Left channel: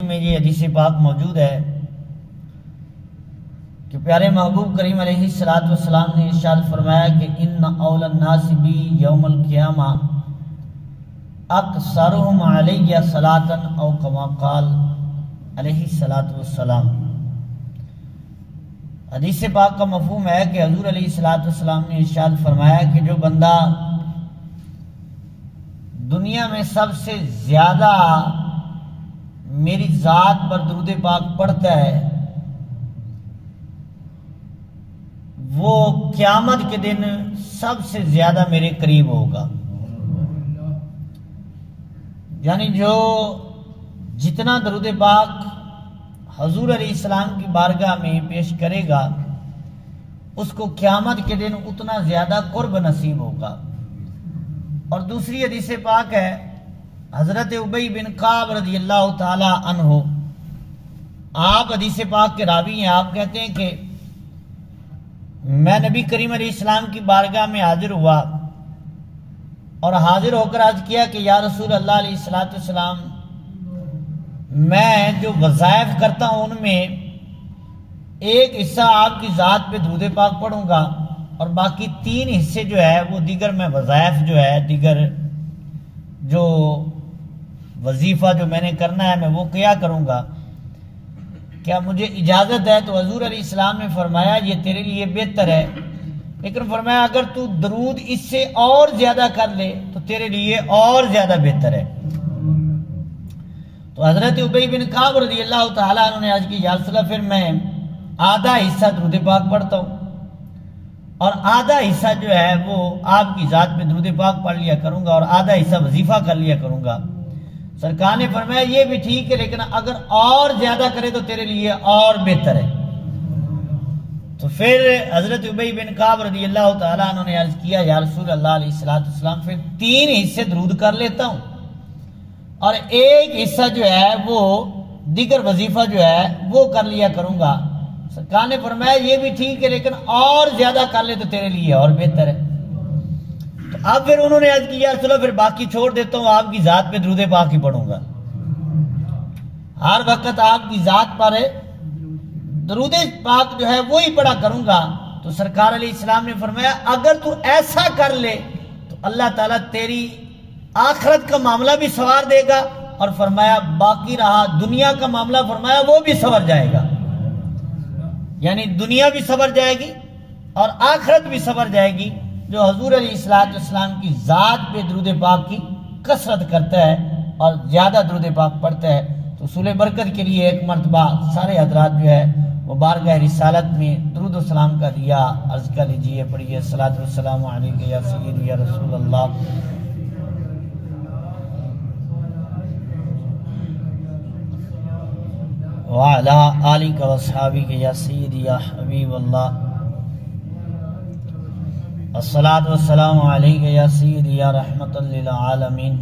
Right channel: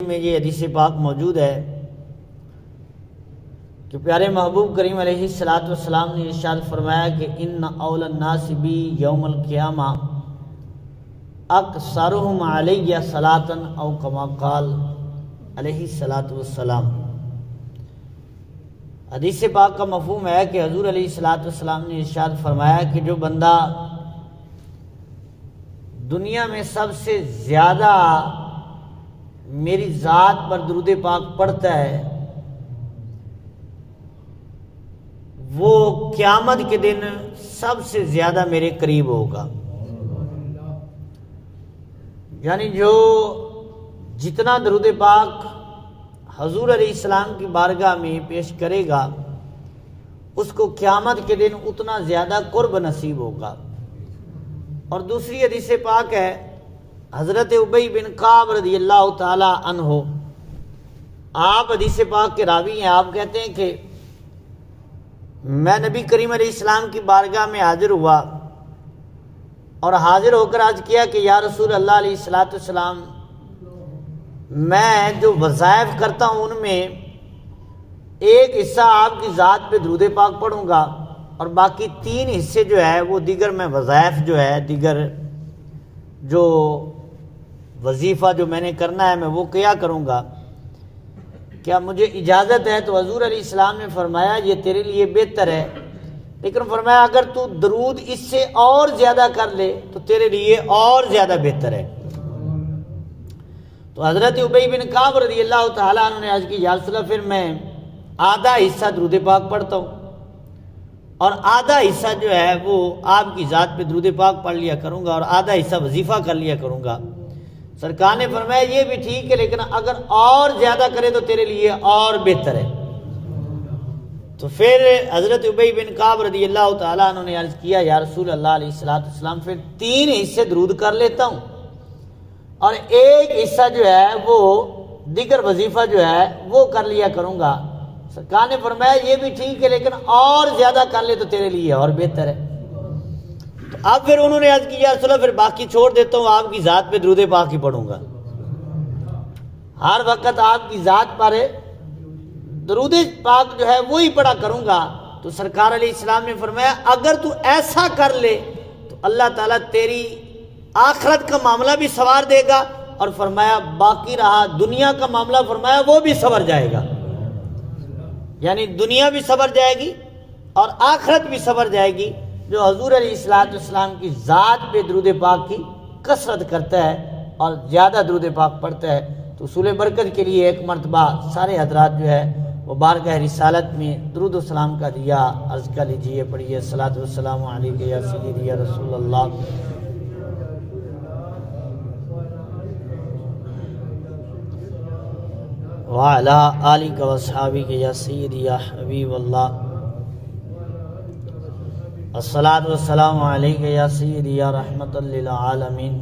میں یہ حدیث پاک موجود ہے کہ پیارے محبوب کریم علیہ السلام نے ارشاد فرمایا کہ ان اول الناس بی یوم القیامہ اکثرهم علی صلاۃ او کما قال علیہ السلام۔ حدیث پاک کا مفہوم ہے کہ حضور علیہ السلام نے ارشاد فرمایا کہ جو بندہ دنیا میں سب سے زیادہ میری ذات پر درود پاک پڑھتا ہے وہ قیامت کے دن سب سے زیادہ میرے قریب ہوگا۔ یعنی جو جتنا درود پاک حضور علیہ السلام کی بارگاہ میں پیش کرے گا اس کو قیامت کے دن اتنا زیادہ قرب نصیب ہوگا۔ اور دوسری حدیث پاک ہے حضرت ابی بن کعب رضی اللہ تعالی عنہ، آپ حدیث پاک کے راوی ہیں، آپ کہتے ہیں کہ میں نبی کریم علیہ السلام کی بارگاہ میں حاضر ہوا اور حاضر ہو کر عرض کیا کہ یا رسول اللہ علیہ السلام، میں جو وظائف کرتا ہوں ان میں ایک حصہ آپ کی ذات پہ درود پاک پڑھوں گا اور باقی 3 حصے جو ہے وہ دیگر میں وظائف جو ہے دیگر جو وظیفہ جو میں نے کرنا ہے میں وہ کیا کروں گا، کیا مجھے اجازت ہے؟ تو حضور علیہ السلام نے فرمایا یہ تیرے لیے بہتر ہے، لیکن فرمایا اگر تو درود اس سے اور زیادہ کر لے تو تیرے لیے اور زیادہ بہتر ہے۔ تو حضرت ابی بن کعب رضی اللہ تعالیٰ عنہ نے عرض کی یا رسول اللہ پھر میں آدھا حصہ درود پاک پڑھتا ہوں اور آدھا حصہ جو ہے وہ آپ کی ذات پہ درود پاک پڑھ لیا کروں گا اور آدھا حصہ وظیفہ کر لیا کروں گا۔ سرکار نے فرمایا یہ بھی ٹھیک ہے لیکن اگر اور زیادہ کرے تو تیرے لیے اور بہتر ہے۔ تو پھر حضرت ابی بن کعب رضی اللہ تعالیٰ عنہ نے عرض کیا یا رسول اللہ علیہ السلام پھر 3 حصے درود کر لیتا ہوں اور ایک حصہ جو ہے وہ دیگر وظیفہ جو ہے وہ کر لیا کروں گا۔ سرکار نے فرمایا یہ بھی ٹھیک ہے لیکن اور زیادہ کر لے تو تیرے لیے اور بہتر ہے۔ تو اب پھر انہوں نے عرض کیا چلو پھر باقی چھوڑ دیتا ہوں، آپ کی ذات پہ درود پاک ہی پڑھوں گا، ہر وقت آپ کی ذات پر درود پاک جو ہے وہی پڑھا کروں گا۔ تو سرکار علیہ السلام نے فرمایا اگر تو ایسا کر لے تو اللہ تعالیٰ تیری آخرت کا معاملہ بھی سنوار دے گا اور فرمایا باقی رہا دنیا کا معاملہ فرمایا وہ بھی سنور جائے گا، یعنی دنیا بھی سنور جائے گی اور آخرت بھی سنور جائے گی۔ جو حضور علیہ السلام کی ذات پہ درود پاک کی کثرت کرتا ہے اور زیادہ درود پاک پڑھتا ہے تو حصول برکت کے لیے ایک مرتبہ سارے حضرات جو ہے وہ بارگاہ رسالت میں درود و سلام کا دیا عرض کر لیجئے، پڑھیے الصلاۃ والسلام علیک یا سیدی یا رسول اللہ۔ وعلی آلک و اصحابک یا سیدی یا حبیب اللہ۔ الصلاۃ والسلام علیک یا سیدی یا رحمت للعالمین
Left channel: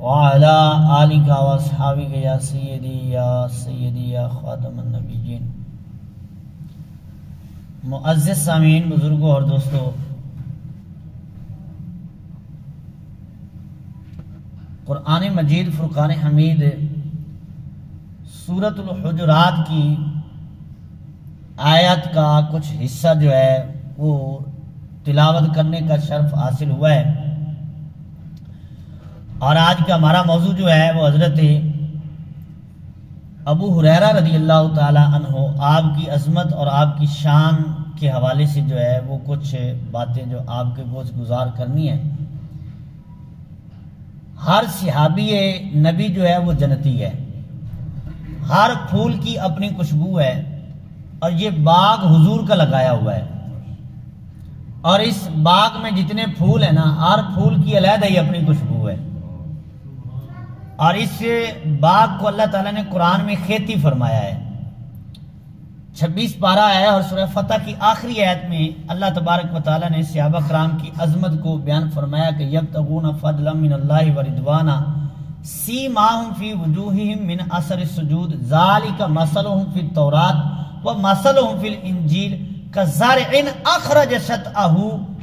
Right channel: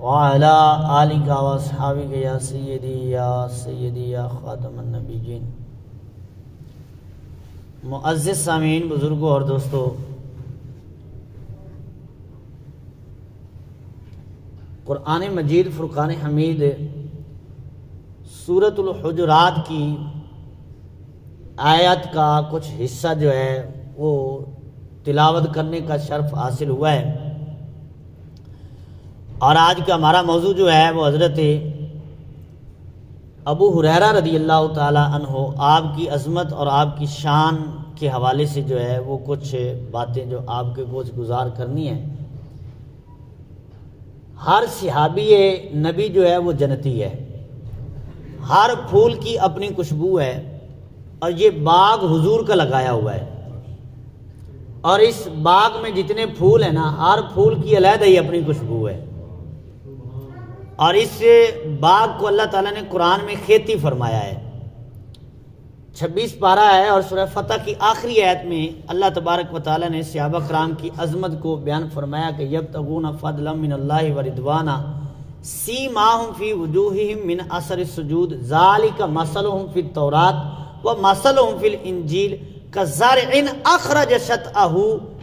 وعلی آلک و اصحابک یا سیدی یا خاتم النبیین۔ معزز سامعین، بزرگوں اور دوستو، قرآن مجید فرقان حمید سورۃ الحجرات کی آیت کا کچھ حصہ جو ہے وہ تلاوت کرنے کا شرف حاصل ہوا ہے، اور آج کا ہمارا موضوع جو ہے وہ حضرت ابو ہریرہ رضی اللہ تعالی عنہ آپ کی عظمت اور آپ کی شان کے حوالے سے جو ہے وہ کچھ باتیں جو آپ کے گوش گزار کرنی ہے۔ ہر صحابی نبی جو ہے وہ جنتی ہے، ہر پھول کی اپنی خوشبو ہے اور یہ باغ حضور کا لگایا ہوا ہے، اور اس باغ میں جتنے پھول ہیں نا ہر پھول کی علیحدہ ہی اپنی خوشبو ہے، اور اس باغ کو اللہ تعالیٰ نے قرآن میں کھیتی فرمایا ہے۔ 26 پارہ ہے اور سورہ فتح کی آخری آیت میں اللہ تبارک و تعالیٰ نے صحابہ کرام کی عظمت کو بیان فرمایا کہ یبتغون فضلا من اللہ ورضوانا سیماہم فی وجوہہم من اثر السجود ذالک مثلہم فی التوراۃ ومثلہم فی الانجیل کزرع اخرج شطأہ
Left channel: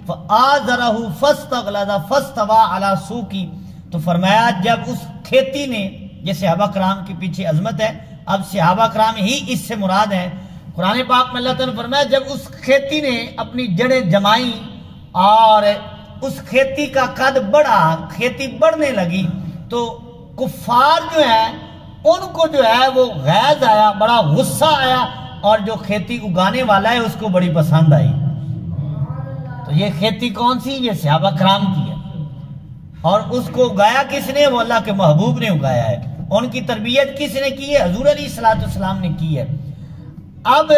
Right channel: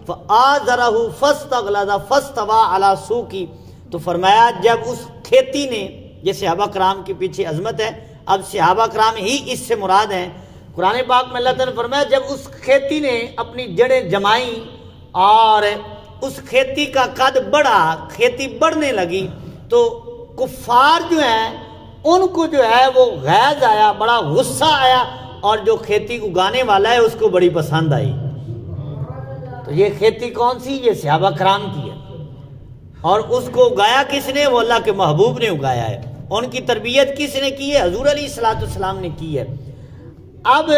فآزرہ فاستغلظ فاستوى علی سوقہ۔ تو فرمایا جب اس کھیتی نے یہ صحابہ کرام کے پیچھے عظمت ہے. اب صحابہ کرام ہی اس سے مراد ہیں. قرآن پاک میں اللہ تعالیٰ نے فرمایا جب اس کھیتی نے اپنی جڑیں جمائیں اور اس کھیتی کا قد بڑھا، کھیتی بڑھنے لگی، تو کفار جو ہیں ان کو جو ہے وہ غیظ آیا، بڑا غصہ آیا، اور جو کھیتی اگانے والا ہے اس کو بڑی پسند آئی. تو یہ کھیتی کون سی؟ یہ صحابہ کرام کی ہے. اور اس کو اگایا کس نے؟ وہ اللہ کے محبوب نے اگایا ہے. ان کی تربیت کس نے کی ہے؟ حضور علیہ السلام نے کی ہے. اب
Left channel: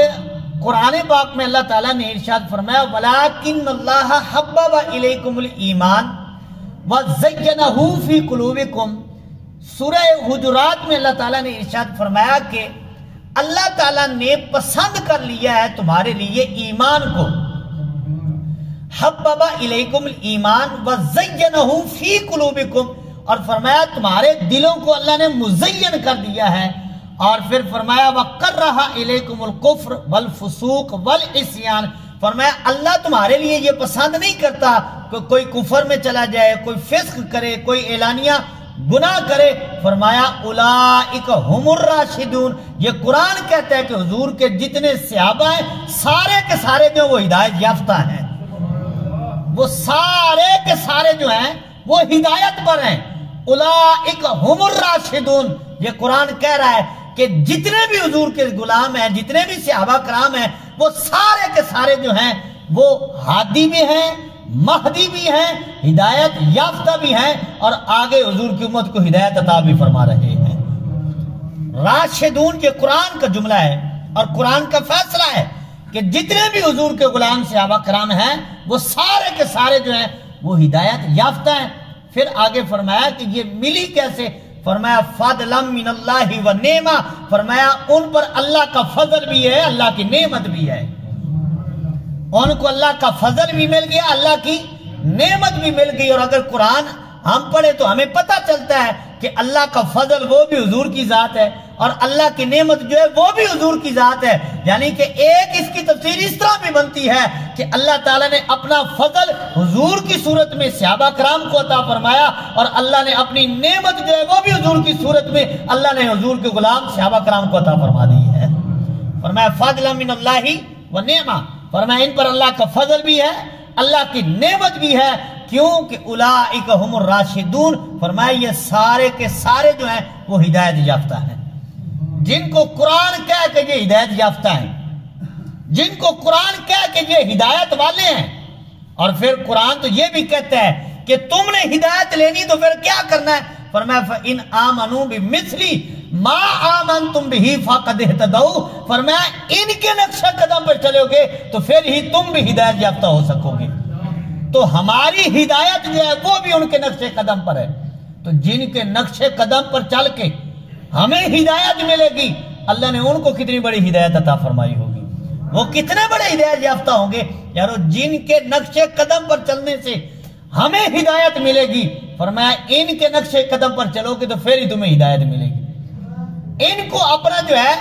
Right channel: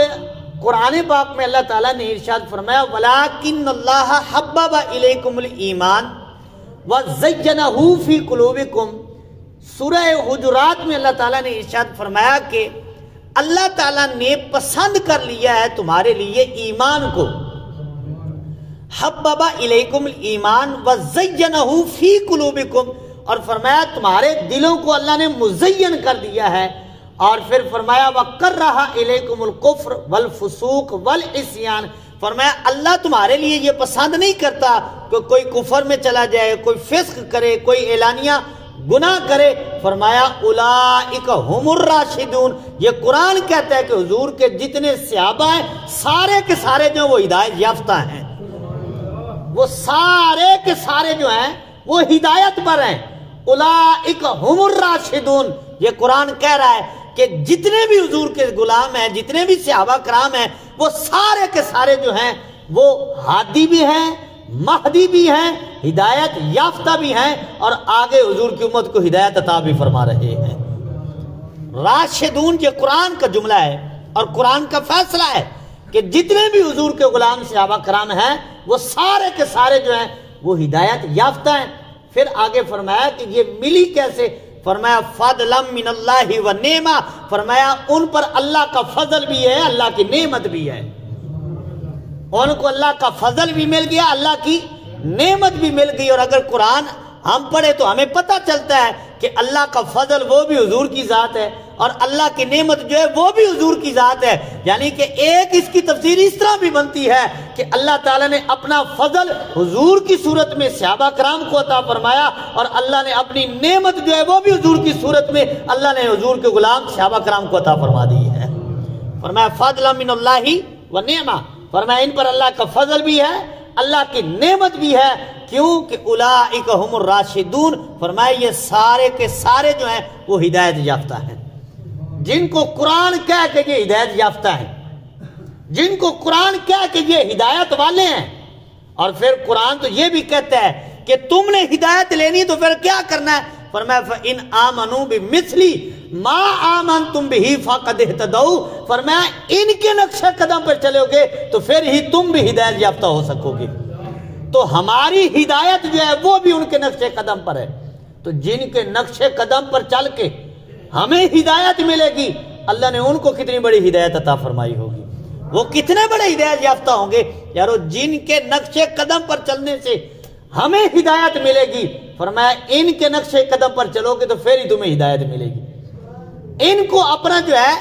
قرآن پاک میں اللہ تعالیٰ نے ارشاد فرمایا وَلَٰكِنَّ اللَّهَ حَبَّبَ إِلَيْكُمُ الْإِيمَانَ وَزَيَّنَهُ فِي قُلُوبِكُمْ. سورہ حجرات میں اللہ تعالیٰ نے ارشاد فرمایا کہ اللہ تعالیٰ نے پسند کر لیا ہے تمہارے لیے ایمان کو. حَبَّبَ إِلَيْكُمُ الْإِيمَانَ وَزَيَّنَهُ فِي قُلُوبِكُمْ. اور فرمایا تمہارے دلوں کو اللہ نے مزین کر دیا ہے. اور پھر فرمایا وَقَرَّهَ إِلَيْكُمُ الْكُفْرَ وَالْفُسُوقَ وَالْعِصْيَانَ. فرمایا اللہ تمہارے لیے یہ پسند نہیں کرتا کہ کوئی کفر میں چلا جائے، کوئی فسق کرے، کوئی اعلانیہ گناہ کرے. فرمایا اولئک هم الراشدون. یہ قرآن کہتا ہے کہ حضور کے جتنے صحابہ ہیں سارے کے سارے جو وہ ہدایت یافتہ ہیں، وہ سارے کے سارے جو ہیں وہ ہدایت پر ہیں. اولئک هم الراشدون. یہ قرآن کہہ رہا ہے کہ جتنے بھی حضور کے غلام ہیں، جتنے بھی صحابہ کرام ہیں، وہ سارے کے سارے جو ہیں وہ ہادی بھی ہیں، مہدی بھی ہیں، ہدایت یافتہ بھی ہیں، اور آگے حضور کی امت کو ہدایت عطا بھی فرما رہے ہیں. راشدون یہ قرآن کا جملہ ہے اور قرآن کا فیصلہ ہے کہ جتنے بھی حضور کے غلام صحابہ کرام ہیں وہ سارے کے سارے جو ہیں وہ ہدایت یافتہ ہیں. پھر آگے فرمایا کہ یہ ملی کیسے؟ فرمایا فضلا من اللہ و نعمہ. فرمایا ان پر اللہ کا فضل بھی ہے، اللہ کی نعمت بھی ہے. ان کو اللہ کا فضل بھی مل گیا، اللہ کی نعمت بھی مل گئی. اور اگر قرآن ہم پڑھے تو ہمیں پتہ چلتا ہے کہ اللہ کا فضل وہ بھی حضور کی ذات ہے، اور اللہ کی نعمت جو ہے وہ بھی حضور کی ذات ہے. یعنی کہ ایک اس کی تفسیر اس طرح بھی بنتی ہے کہ اللہ تعالیٰ نے اپنا فضل حضور کی صورت میں صحابہ کرام کو عطا فرمایا، اور اللہ نے اپنی نعمت جو ہے وہ بھی حضور کی صورت میں اللہ نے حضور کے غلام صحابہ کرام کو عطا فرما دی ہے. فرمایا فضلا من اللہ و نعمہ. فرمایا ان پر اللہ کا فضل بھی ہے، اللہ کی نعمت بھی ہے. کیوں کہ اولئک هم الراشدون. فرمایا یہ سارے کے سارے جو ہیں وہ ہدایت یافتہ ہیں. جن کو قرآن کہہ کہ یہ ہدایت یافتہ ہیں، جن کو قرآن کہہ کہ یہ ہدایت والے ہیں. اور پھر قرآن تو یہ بھی کہتا ہے کہ تم نے ہدایت لینی تو پھر کیا کرنا ہے؟ فرمایا فَإِنْ آمَنُوا بِمِثْلِ مَا آمَنْتُمْ بِهِ فَقَدْ اهْتَدَوْا. فرمایا ان کے نقش قدم پر چلو گے تو پھر ہی تم بھی ہدایت یافتہ ہو سکو گے. تو ہماری ہدایت جو ہے وہ بھی ان کے نقش قدم پر ہے. تو جن کے نقش قدم پر چل کے ہمیں ہدایت ملے گی، اللہ نے ان کو کتنی بڑی ہدایت عطا فرمائی ہوگی. وہ کتنے بڑے ہدایت یافتہ ہوں گے یارو جن کے نقش قدم پر چلنے سے ہمیں ہدایت ملے گی. فرمایا ان کے نقش قدم پر چلو گے تو پھر ہی تمہیں ہدایت ملے گی. ان کو اپنا جو ہے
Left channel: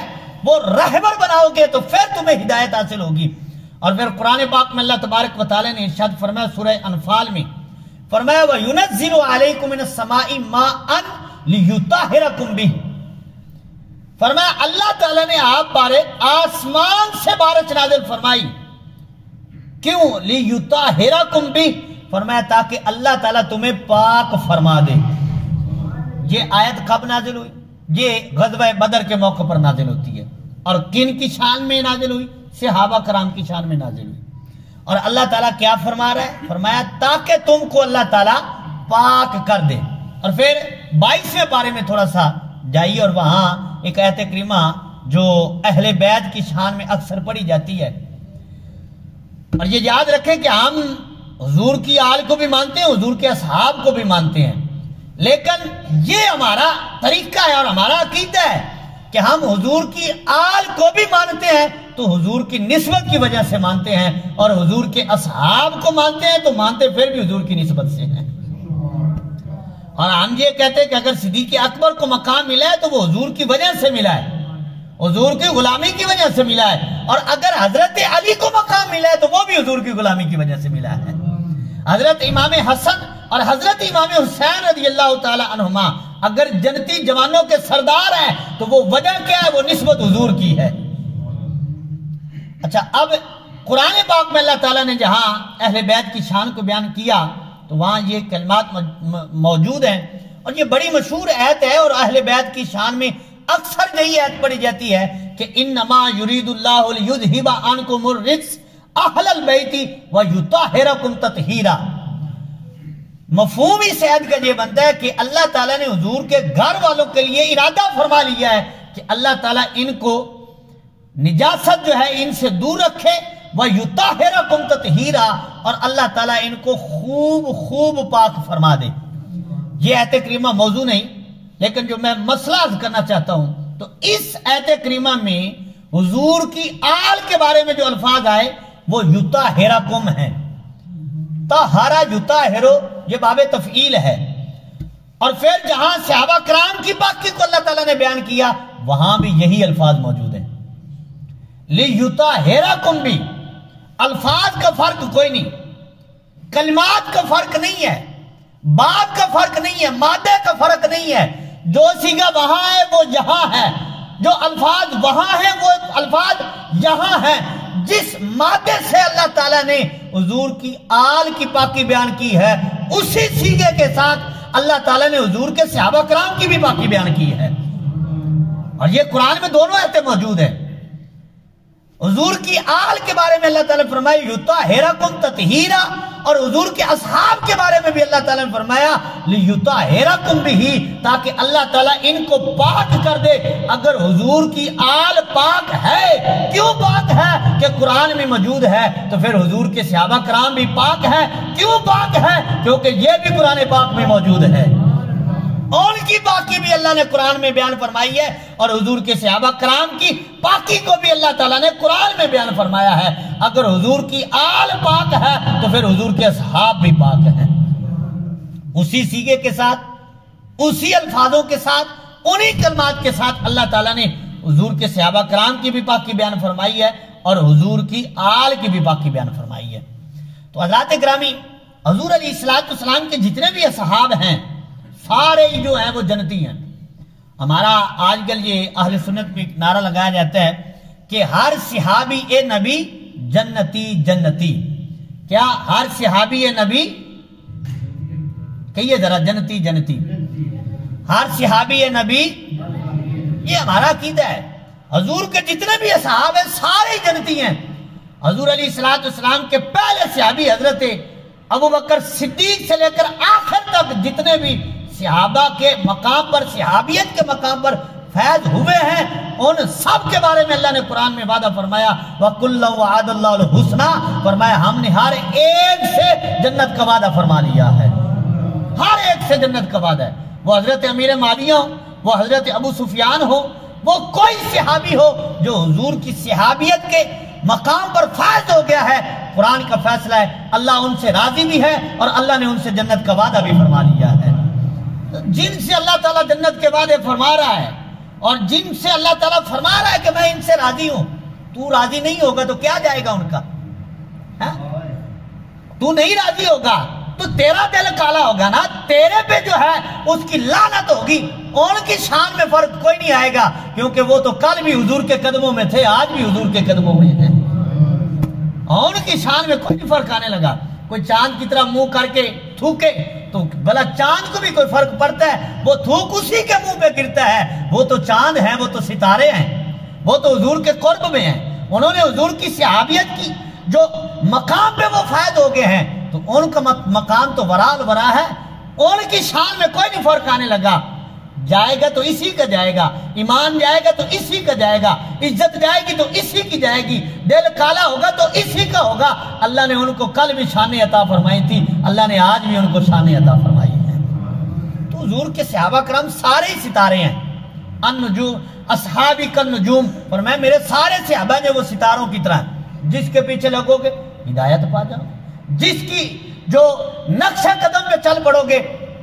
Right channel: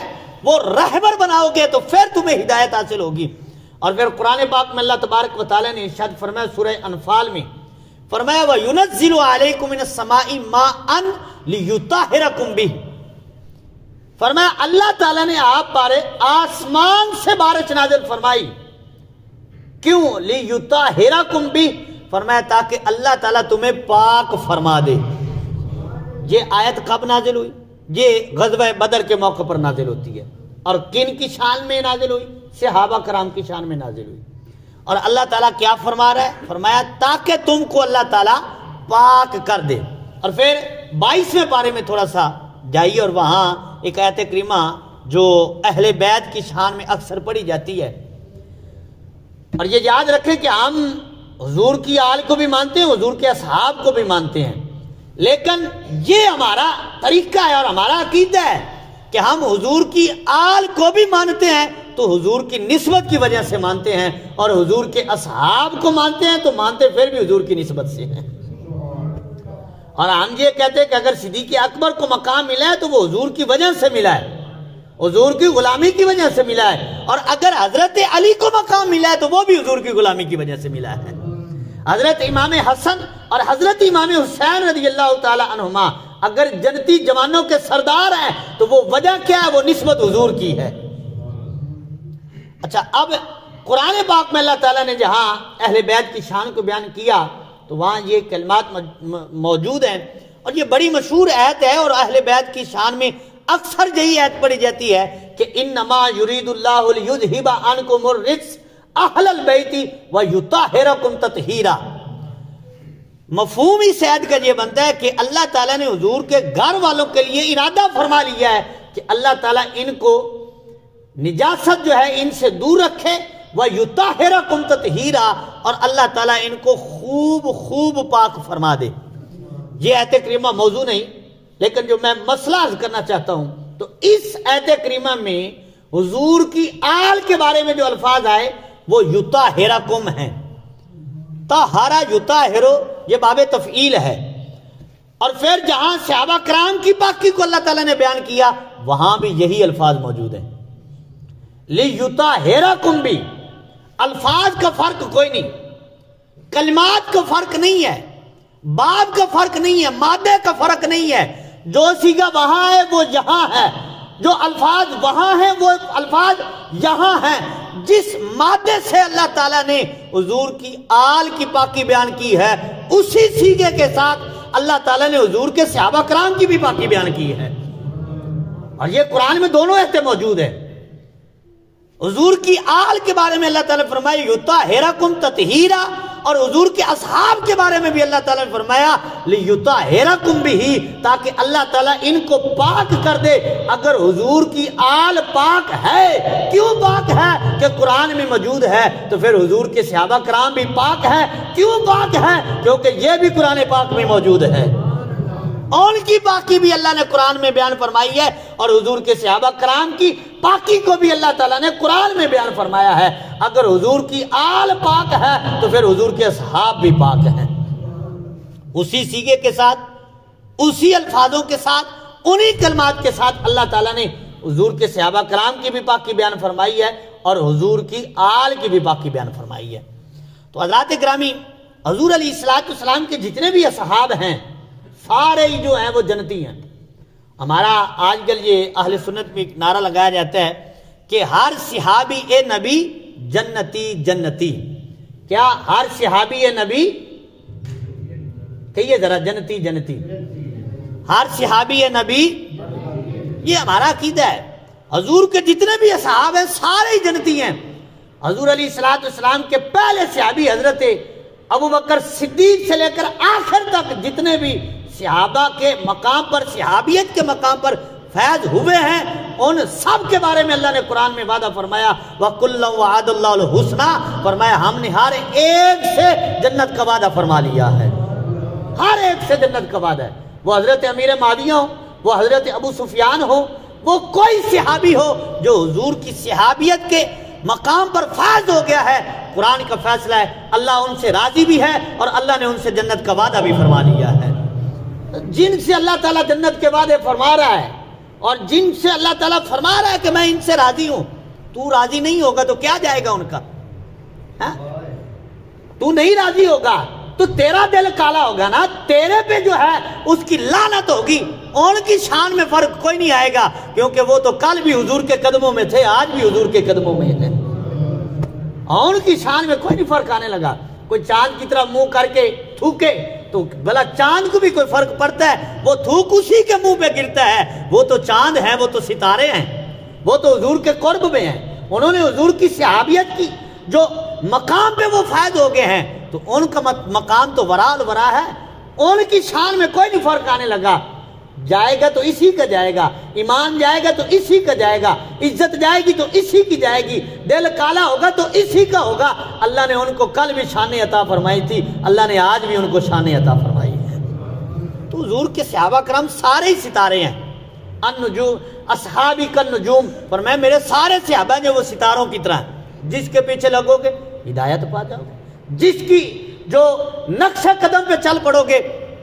وہ رہبر بناؤ گے تو پھر تمہیں ہدایت حاصل ہوگی. اور پھر قرآن پاک میں اللہ تبارک و تعالی نے ارشاد فرمایا سورہ انفال میں، فرمایا وَيُنَزِّلُ عَلَيْكُم مِّنَ السَّمَاءِ مَاءً لِيُطَهِّرَكُم بِهِ. فرمایا اللہ تعالیٰ نے آپ پر آسمان سے بارش نازل فرمائی. کیوں؟ لِيُطَهِّرَكُم بِهِ. فرمایا تاکہ اللہ تعالیٰ تمہیں پاک فرما دے. یہ آیت کب نازل ہوئی؟ یہ غزوہ بدر کے موقع پر نازل ہوتی ہے. اور کن کی شان میں نازل ہوئی؟ صحابہ کرام کی شان میں نازل ہوئی. اور اللہ تعالیٰ کیا فرما رہا ہے؟ فرمایا تاکہ تم کو اللہ تعالیٰ پاک کر دے. اور پھر 22ویں پارے میں تھوڑا سا جائیے اور وہاں ایک آیت کریمہ جو اہل بیت کی شان میں اکثر پڑھی جاتی ہے. اور یہ یاد رکھیں کہ ہم حضور کی آل کو بھی مانتے ہیں، حضور کے اصحاب کو بھی مانتے ہیں، لیکن یہ ہمارا طریقہ ہے اور ہمارا عقیدہ ہے کہ ہم حضور کی آل کو بھی مانتے ہیں تو حضور کی نسبت کی وجہ سے مانتے ہیں، اور حضور کے اصحاب کو مانتے ہیں تو مانتے پھر بھی حضور کی نسبت سے ہیں. اور ہم یہ کہتے ہیں کہ اگر صدیق اکبر کو مقام ملا ہے تو وہ حضور کی وجہ سے ملا ہے، حضور کی غلامی کی وجہ سے ملا ہے. اور اگر حضرت علی کو مقام ملا ہے تو وہ بھی حضور کی غلامی کی وجہ سے ملا ہے. حضرت امام حسن اور حضرت امام حسین رضی اللہ تعالی عنہما اگر جنتی جوانوں کے سردار ہیں تو وہ وجہ کیا ہے؟ وہ نسبت حضور کی ہے۔ اچھا، اب قرآن پاک میں اللہ تعالیٰ نے جہاں اہل بیت کی شان کو بیان کیا تو وہاں یہ کلمات موجود ہیں، اور یہ بڑی مشہور آیت ہے، اور اہل بیت کی شان میں اکثر یہی آیت پڑھی جاتی ہے کہ انما یرید اللہ لیذھب عنکم الرجس اہل البیت ویطہرکم تطہیرا۔ مفہوم اس آیت کا یہ بنتا ہے کہ اللہ تعالیٰ نے حضور کے گھر والوں کے لیے ارادہ فرما لیا ہے کہ اللہ تعالیٰ ان کو نجاست جو ہے ان سے دور رکھے، وَيُطَهِّرَكُمْ تَطْهِيرًا، اور اللہ تعالیٰ ان کو خوب خوب پاک فرما دے۔ یہ آیت کریمہ موضوع نہیں، لیکن جو میں مسئلہ عرض کرنا چاہتا ہوں تو اس آیت کریمہ میں حضور کی آل کے بارے میں جو الفاظ آئے وہ یطہرکم ہیں۔ طہرا یطہرو یہ باب تفعیل ہے، اور پھر جہاں صحابہ کرام کی پاکی کو اللہ تعالیٰ نے بیان کیا وہاں بھی یہی الفاظ موجود ہیں۔ لیطہرکم بھی الفاظ کا فرق کوئی نہیں، کلمات کا فرق نہیں ہے، باب کا فرق نہیں ہے، مادے کا فرق نہیں ہے۔ جو صیغہ وہاں ہے وہ یہاں ہے، جو الفاظ وہاں ہیں وہ الفاظ یہاں ہیں۔ جس مادے سے اللہ تعالیٰ نے حضور کی آل کی پاکی بیان کی ہے اسی صیغے کے ساتھ اللہ تعالیٰ نے حضور کے صحابہ کرام کی بھی پاکی بیان کی ہے، اور یہ قرآن میں دونوں آیتیں موجود ہیں۔ حضور کی آل کے بارے میں اللہ تعالیٰ نے فرمایا یطہرکم تطہیرا، اور حضور کے اصحاب کے بارے میں بھی اللہ تعالیٰ نے فرمایا لیطہرکم بھی، تاکہ اللہ تعالیٰ ان کو پاک کر دے۔ اگر حضور کی آل پاک ہے، کیوں پاک ہے؟ کہ قرآن میں موجود ہے، تو پھر حضور کے صحابہ کرام بھی پاک ہے، کیوں پاک ہے؟ کیونکہ یہ بھی قرآن پاک میں موجود ہے، ان کی پاکی بھی اللہ نے قرآن میں بیان فرمائی ہے، اور حضور کے صحابہ کرام کی پاکی کو بھی اللہ تعالیٰ نے قرآن میں بیان فرمایا ہے۔ اگر حضور کی آل پاک ہے تو پھر حضور کے اصحاب بھی پاک ہیں۔ اسی صیغے کے ساتھ، اسی الفاظوں کے ساتھ، انہی کلمات کے ساتھ اللہ تعالیٰ نے حضور کے صحابہ کرام کی بھی پاکی بیان فرمائی ہے، اور حضور کی آل کی بھی پاکی بیان فرمائی ہے۔ تو حضرات گرامی، حضور علیہ السلام کے جتنے بھی اصحاب ہیں سارے ہی جو ہیں وہ جنتی ہیں۔ ہمارا آج کل یہ اہل سنت میں ایک نعرہ لگایا جاتا ہے کہ ہر صحابی اے نبی جنتی جنتی۔ کیا ہر صحابی اے نبی؟ کہیے ذرا، جنتی جنتی۔ ہر صحابی اے نبی، یہ ہمارا عقیدہ ہے۔ حضور کے جتنے بھی اصحاب ہیں سارے ہی جنتی ہیں۔ حضور علیہ السلام کے پہلے صحابی حضرت ابوبکر صدیق سے لے کر آخر تک جتنے بھی صحابہ کے مقام پر، صحابیت کے مقام پر فیض ہوئے ہیں، ان سب کے بارے میں اللہ نے قرآن میں وعدہ فرمایا وَكُلًّا وَعَدَ اللَّهُ الْحُسْنَى، فرمایا ہم نے ہر ایک سے جنت کا وعدہ فرما لیا ہے، ہر ایک سے جنت کا وعدہ ہے۔ وہ حضرت امیر معاویہ ہو، وہ حضرت ابو سفیان ہو، وہ کوئی صحابی ہو جو حضور کی صحابیت کے مقام پر فائز ہو گیا ہے، قرآن کا فیصلہ ہے اللہ ان سے راضی بھی ہے، اور اللہ نے ان سے جنت کا وعدہ بھی فرما لیا ہے۔ جن سے اللہ تعالیٰ جنت کے وعدے فرما رہا ہے، اور جن سے اللہ تعالیٰ فرما رہا ہے کہ میں ان سے راضی ہوں، تو راضی نہیں ہوگا تو کیا جائے گا ان کا؟ تو نہیں راضی ہوگا تو تیرا دل کالا ہوگا نا، تیرے پہ جو ہے اس کی لعنت ہوگی۔ ان کی شان میں فرق کوئی نہیں آئے گا، کیونکہ وہ تو کل بھی حضور کے قدموں میں تھے، آج بھی حضور کے قدموں میں تھے۔ ان کی شان میں کوئی نہیں فرق آنے لگا۔ کوئی چاند کی طرح منہ کر کے تھوکے تو بھلا چاند کو بھی کوئی فرق پڑتا ہے؟ وہ تھوک اسی کے منہ پہ گرتا ہے۔ وہ تو چاند ہے، وہ تو ستارے ہیں، وہ تو حضور کے قرب میں ہیں۔ انہوں نے حضور کی صحابیت کی جو مقام پہ وہ فائد ہو گئے ہیں، تو ان کا مقام تو ورال ورا ہے، ان کی شان میں کوئی نہیں فرق آنے لگا۔ جائے گا تو اسی کا جائے گا، ایمان جائے گا تو اسی کا جائے گا، عزت جائے گی تو اسی کی جائے گی، دل کالا ہوگا تو اسی کا ہوگا۔ اللہ نے ان کو کل بھی شان عطا فرمائی تھی، اللہ نے آج بھی ان کو شان عطا فرمائی ہے۔ تو حضور کے صحابہ کرام سارے ہی ستارے ہیں۔ النجوم اصحابی کالنجوم، فرمایا میرے سارے صحابہ جو وہ ستاروں کی طرح، جس کے پیچھے لگو گے ہدایت پا جاؤ گے، جس کی جو نقشہ قدم پہ چل پڑو گے،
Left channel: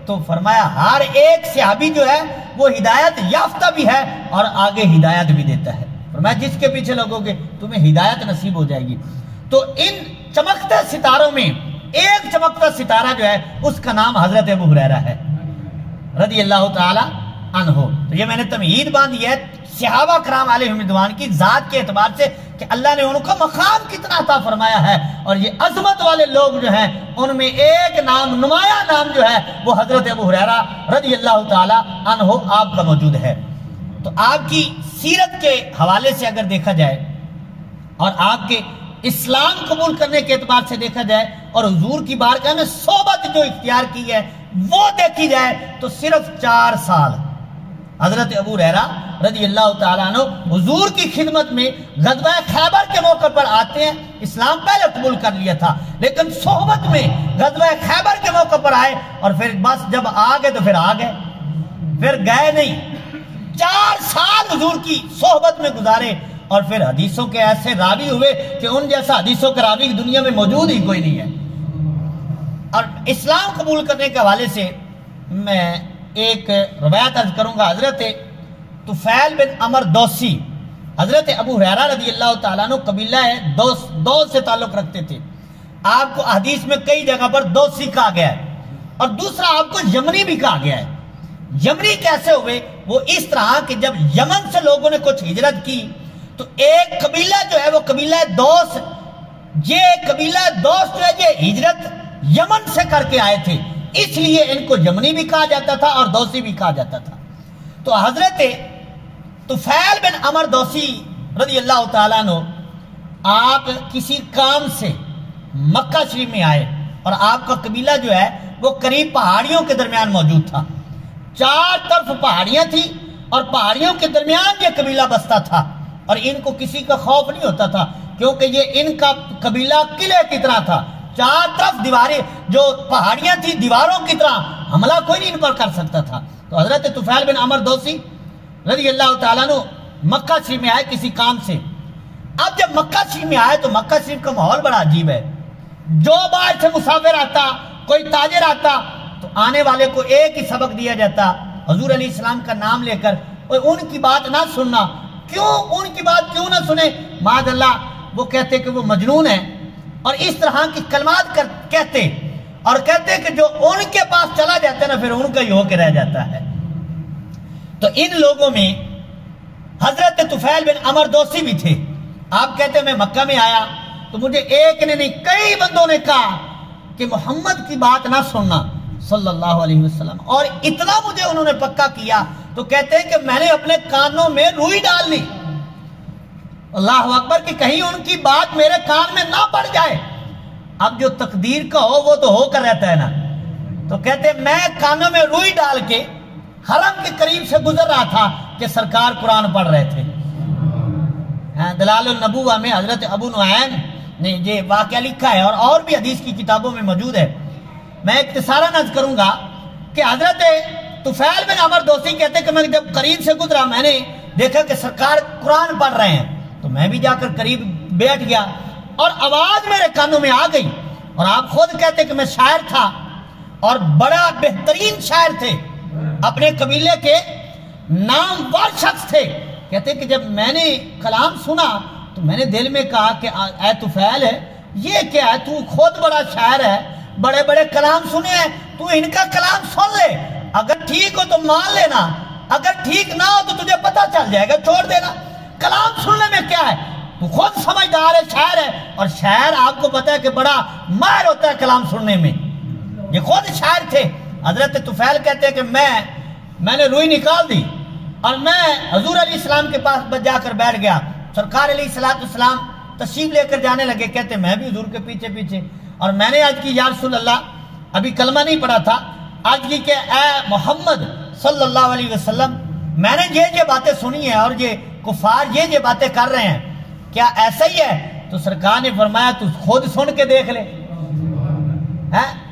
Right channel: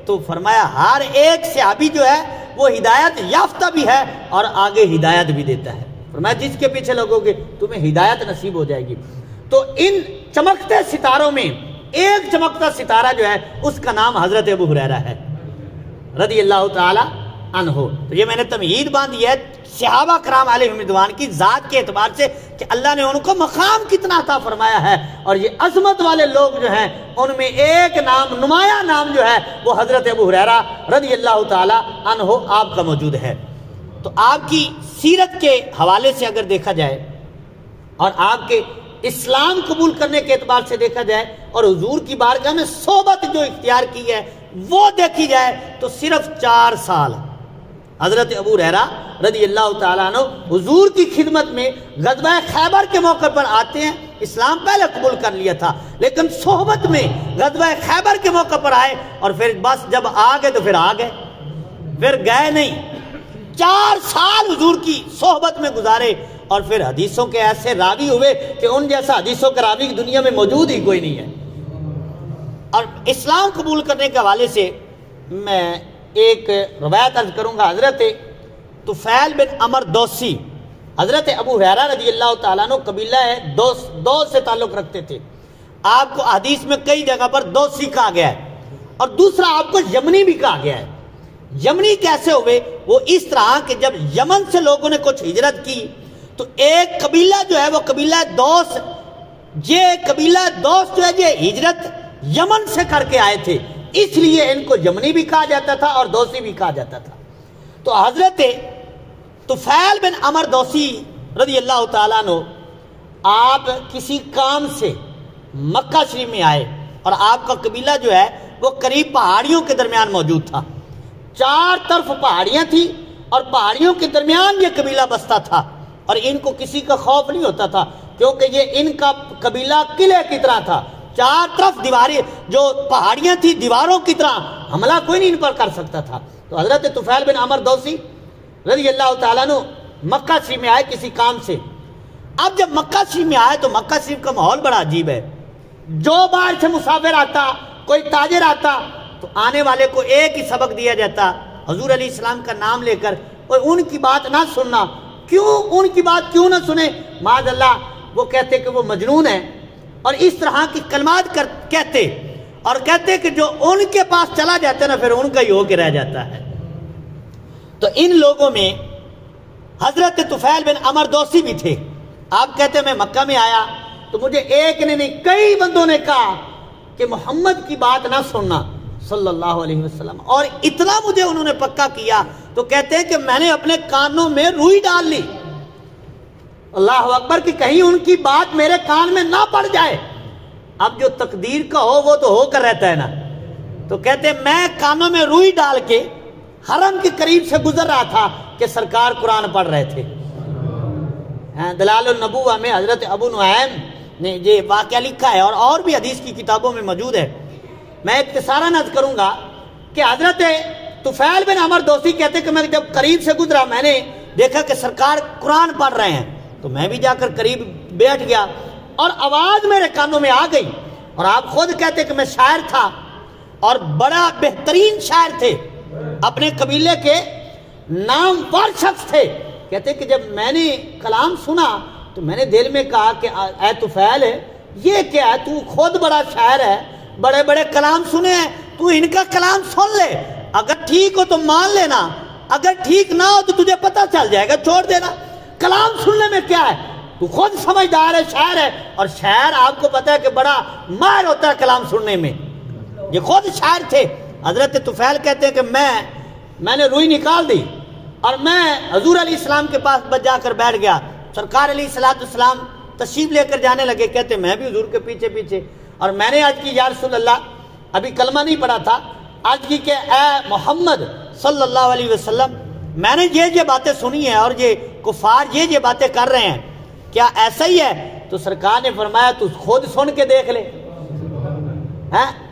تو فرمایا ہر ایک صحابی جو ہے وہ ہدایت یافتہ بھی ہے اور آگے ہدایت بھی دیتا ہے۔ فرمایا جس کے پیچھے لگو گے تمہیں ہدایت نصیب ہو جائے گی۔ تو ان چمکتے ستاروں میں ایک چمکتا ستارہ جو ہے اس کا نام حضرت ابو ہریرہ ہے۔ رضی اللہ تعالی عنہ۔ تو یہ میں نے تمہید باندھی ہے صحابہ کرام علیہم رضوان کی ذات کے اعتبار سے کہ اللہ نے ان کو مقام کتنا عطا فرمایا ہے، اور یہ عظمت والے لوگ جو ہیں ان میں ایک نام، نمایاں نام جو ہے وہ حضرت ابو ہریرہ رضی اللہ تعالی عنہ آپ کا موجود ہے۔ تو آپ کی سیرت کے حوالے سے اگر دیکھا جائے اور آپ کے اسلام قبول کرنے کے اعتبار سے دیکھا جائے اور حضور کی بارگاہ میں صحبت جو اختیار کی ہے وہ دیکھی جائے تو صرف 4 سال حضرت ابو ہریرہ رضی اللہ تعالیٰ عنہ حضور کی خدمت میں غزوہ خیبر کے موقع پر آتے ہیں۔ اسلام پہلے قبول کر لیا تھا لیکن صحبت میں غزوہ خیبر کے موقع پر آئے، اور پھر بس جب آ گئے تو پھر آ گئے، پھر گئے نہیں۔ 4 سال حضور کی صحبت میں گزارے، اور پھر حدیثوں کے ایسے راوی ہوئے کہ ان جیسا حدیثوں کے راوی دنیا میں موجود ہی کوئی نہیں ہے۔ اور اسلام قبول کرنے کے حوالے سے میں ایک روایت عرض کروں گا۔ حضرت طفیل بن عمر دوسی حضرت ابو ہریرہ رضی اللہ تعالیٰ عنہ قبیلہ ہے دوس سے تعلق رکھتے تھے۔ آپ کو حدیث میں کئی جگہ پر دوسی کہا گیا ہے، اور دوسرا آپ کو یمنی بھی کہا گیا ہے۔ یمنی کیسے ہوئے؟ وہ اس طرح کہ جب یمن سے لوگوں نے کچھ ہجرت کی تو ایک قبیلہ جو ہے وہ قبیلہ دوس، یہ قبیلہ دوس جو ہے یہ ہجرت یمن سے کر کے آئے تھے، اس لیے ان کو یمنی بھی کہا جاتا تھا اور دوسی بھی کہا جاتا تھا۔ تو حضرت طفیل بن عمر دوسی رضی اللہ تعالیٰ عنہ آپ کسی کام سے مکہ شریف میں آئے، اور آپ کا قبیلہ جو ہے وہ قریب پہاڑیوں کے درمیان موجود تھا۔ 4 طرف پہاڑیاں تھی اور پہاڑیوں کے درمیان یہ قبیلہ بستا تھا، اور ان کو کسی کا خوف نہیں ہوتا تھا کیونکہ یہ ان کا قبیلہ قلعے کی طرح تھا۔ 4 طرف دیواریں جو پہاڑیاں تھی دیواروں کی طرح، حملہ کوئی نہیں ان پر کر سکتا تھا۔ تو حضرت طفیل بن عمر دوسی رضی اللہ تعالیٰ عنہ مکہ شریف میں آئے کسی کام سے۔ اب جب مکہ شریف میں آئے تو مکہ شریف کا ماحول بڑا عجیب ہے۔ جو باہر سے مسافر آتا، کوئی تاجر آتا تو آنے والے کو ایک ہی سبق دیا جاتا، حضور علیہ السلام کا نام لے کر، اور ان کی بات نہ سننا۔ کیوں ان کی بات کیوں نہ سنے؟ معاذ اللہ وہ کہتے کہ وہ مجنون ہیں، اور اس طرح کی کلمات کہتے، اور کہتے کہ جو ان کے پاس چلا جاتا ہے نا پھر ان کا ہی ہو کے رہ جاتا ہے۔ تو ان لوگوں میں حضرت طفیل بن عمر دوسی بھی تھے۔ آپ کہتے ہیں میں مکہ میں آیا تو مجھے ایک نے نہیں کئی بندوں نے کہا کہ محمد کی بات نہ سننا صلی اللہ علیہ وسلم، اور اتنا مجھے انہوں نے پکا کیا تو کہتے ہیں کہ میں نے اپنے کانوں میں روئی ڈال لی، اللہ اکبر، کہ کہیں ان کی بات میرے کان میں نہ پڑ جائے۔ اب جو تقدیر کا ہو وہ تو ہو کر رہتا ہے نا۔ تو کہتے ہیں میں کانوں میں روئی ڈال کے حرم کے قریب سے گزر رہا تھا کہ سرکار قرآن پڑھ رہے تھے۔ دلال النبوہ میں حضرت ابو نعیم نے یہ واقعہ لکھا ہے، اور بھی حدیث کی کتابوں میں موجود ہے۔ میں اختصاراً عرض کروں گا کہ حضرت طفیل بن عمر دوسی کہتے کہ میں جب قریب سے گزرا میں نے دیکھا کہ سرکار قرآن پڑھ رہے ہیں، تو میں بھی جا کر قریب بیٹھ گیا اور آواز میرے کانوں میں آ گئی۔ اور آپ خود کہتے کہ میں شاعر تھا اور بڑا بہترین شاعر تھے، اپنے قبیلے کے نامور شخص تھے۔ کہتے کہ جب میں نے کلام سنا تو میں نے دل میں کہا کہ اے طفیل ہے یہ کیا ہے، تو خود بڑا شاعر ہے، بڑے بڑے کلام سنے ہیں، تو ان کا کلام سن لے، اگر ٹھیک ہو تو مان لینا، اگر ٹھیک نہ ہو تو تجھے پتہ چل جائے گا، چھوڑ دینا، کلام سننے میں کیا ہے، تو خود سمجھدار ہے، شاعر ہے، اور شاعر آپ کو پتہ ہے کہ بڑا ماہر ہوتا ہے کلام سننے میں۔ یہ خود شاعر تھے۔ حضرت طفیل کہتے ہیں کہ میں نے روئی نکال دی اور میں حضور علیہ السلام کے پاس جا کر بیٹھ گیا۔ سرکار علیہ السلام تشریف لے کر جانے لگے، کہتے میں بھی حضور کے پیچھے پیچھے، اور میں نے عرض کی یا رسول اللہ، ابھی کلمہ نہیں پڑھا تھا، عرض کی کہ اے محمد صلی اللہ علیہ وسلم، میں نے یہ باتیں سنی ہیں اور یہ کفار یہ باتیں کر رہے ہیں، کیا ایسا ہی ہے؟ تو سرکار نے فرمایا تو خود سن کے دیکھ لے۔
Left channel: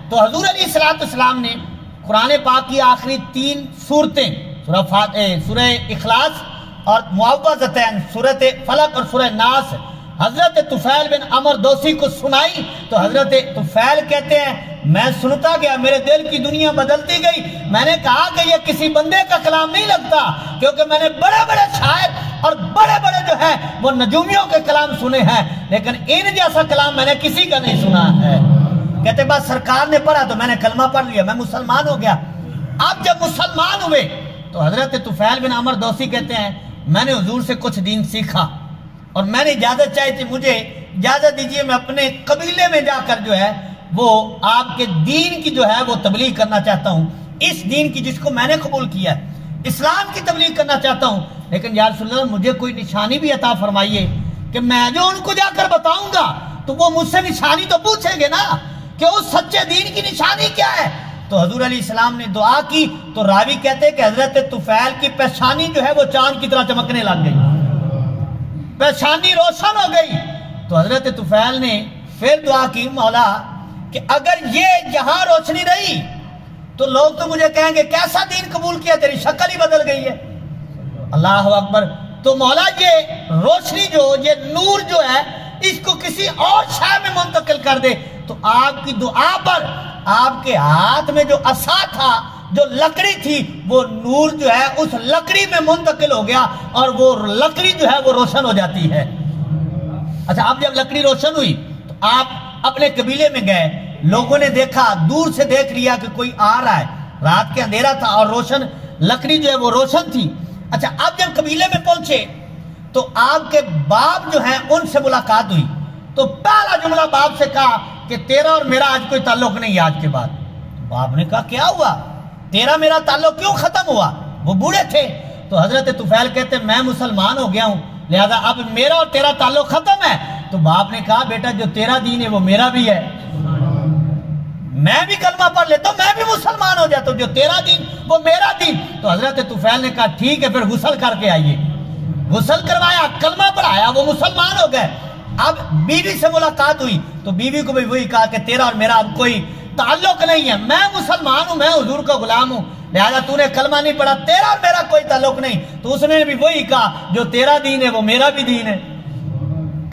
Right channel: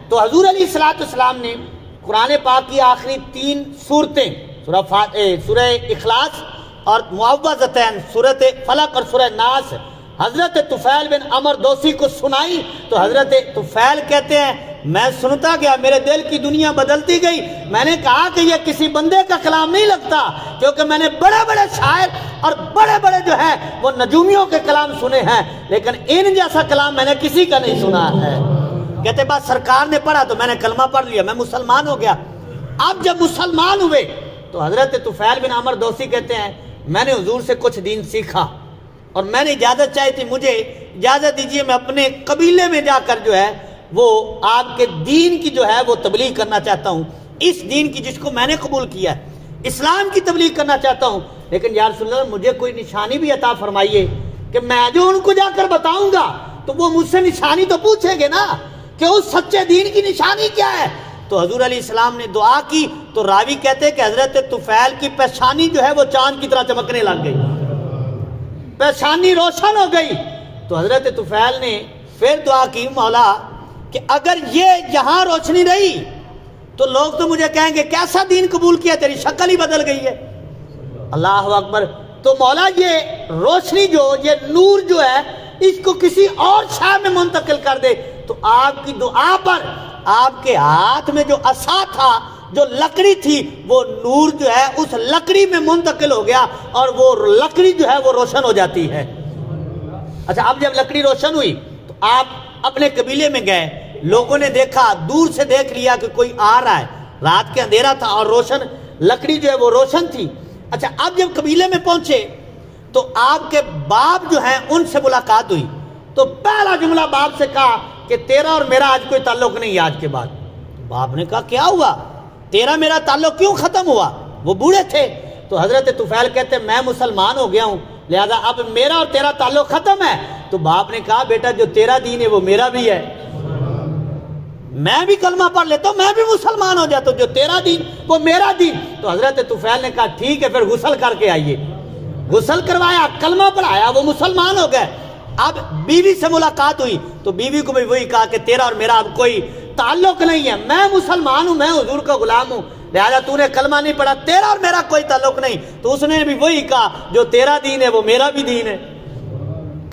تو حضور علیہ السلام نے قرآن پاک کی آخری 3 سورتیں، سورہ اخلاص اور معوذتین، سورۃ فلق اور سورہ ناس، حضرت طفیل بن عمر دوسی کو سنائی تو حضرت طفیل کہتے ہیں میں سنتا گیا، میرے دل کی دنیا بدلتی گئی، میں نے کہا کہ یہ کسی بندے کا کلام نہیں لگتا، کیونکہ میں نے بڑے بڑے شاعر اور بڑے بڑے جو ہے وہ نجومیوں کے کلام سنے ہیں، لیکن ان جیسا کلام میں نے کسی کا نہیں سنا ہے۔ کہتے بس سرکار نے پڑھا تو میں نے کلمہ پڑھ لیا، میں مسلمان ہو گیا۔ اب جب مسلمان ہوئے تو حضرت طفیل بن عمر دوسی کہتے ہیں میں نے حضور سے کچھ دین سیکھا اور میں نے اجازت چاہی تھی، مجھے اجازت دیجیے میں اپنے قبیلے میں جا کر جو ہے وہ آپ کے دین کی جو ہے وہ تبلیغ کرنا چاہتا ہوں، اس دین کی جس کو میں نے قبول کیا ہے، اسلام کی تبلیغ کرنا چاہتا ہوں، لیکن یا رسول اللہ مجھے کوئی نشانی بھی عطا فرمائیے کہ میں جو ان کو جا کر بتاؤں گا تو وہ مجھ سے نشانی تو پوچھیں گے نا کہ اس سچے دین کی نشانی کیا ہے۔ تو حضور علیہ السلام نے دعا کی تو راوی کہتے ہیں کہ حضرت طفیل کی پیشانی جو ہے وہ چاند کی طرح چمکنے لگ گئی، پیشانی روشن ہو گئی۔ تو حضرت طفیل نے پھر دعا کی مولا کہ اگر یہ جہاں روشنی رہی تو لوگ تو مجھے کہیں گے کیسا دین قبول کیا، تیری شکل ہی بدل گئی ہے۔ اللہ اکبر۔ تو مولا یہ روشنی جو یہ نور جو ہے اس کو کسی اور شے میں منتقل کر دے۔ تو آپ کی دعا پر آپ کے ہاتھ میں جو عصا تھا، جو لکڑی تھی، وہ نور جو ہے اس لکڑی میں منتقل ہو گیا اور وہ لکڑی جو ہے وہ روشن ہو جاتی ہے۔ اچھا اب جب لکڑی روشن ہوئی تو آپ اپنے قبیلے میں گئے، لوگوں نے دیکھا، دور سے دیکھ لیا کہ کوئی آ رہا ہے، رات کے اندھیرا تھا اور روشن لکڑی جو ہے وہ روشن تھی۔ اچھا اب جب قبیلے میں پہنچے تو آپ کے باپ جو ہیں ان سے ملاقات ہوئی تو پہلا جملہ باپ سے کہا کہ تیرا اور میرا آج کوئی تعلق نہیں آج کے بعد۔ باپ نے کہا کیا ہوا، تیرا میرا تعلق کیوں ختم ہوا؟ وہ بوڑھے تھے۔ تو حضرت طفیل کہتے میں مسلمان ہو گیا ہوں لہذا اب میرا اور تیرا تعلق ختم ہے۔ تو باپ نے کہا بیٹا جو تیرا دین ہے وہ میرا بھی ہے، میں بھی کلمہ پڑھ لیتا ہوں، میں بھی مسلمان ہو جاتا ہوں، جو تیرا دین وہ میرا دین۔ تو حضرت طفیل نے کہا ٹھیک ہے پھر غسل کر کے آئیے، غسل کروایا، کلمہ پڑھایا، وہ مسلمان ہو گئے۔ اب بیوی سے ملاقات ہوئی تو بیوی کو بھی وہی کہا کہ تیرا اور میرا اب کوئی تعلق نہیں ہے، میں مسلمان ہوں، میں حضور کا غلام ہوں، لہذا تو نے کلمہ نہیں پڑھا، تیرا اور میرا کوئی تعلق نہیں۔ تو اس نے بھی وہی کہا جو تیرا دین ہے وہ میرا بھی دین ہے،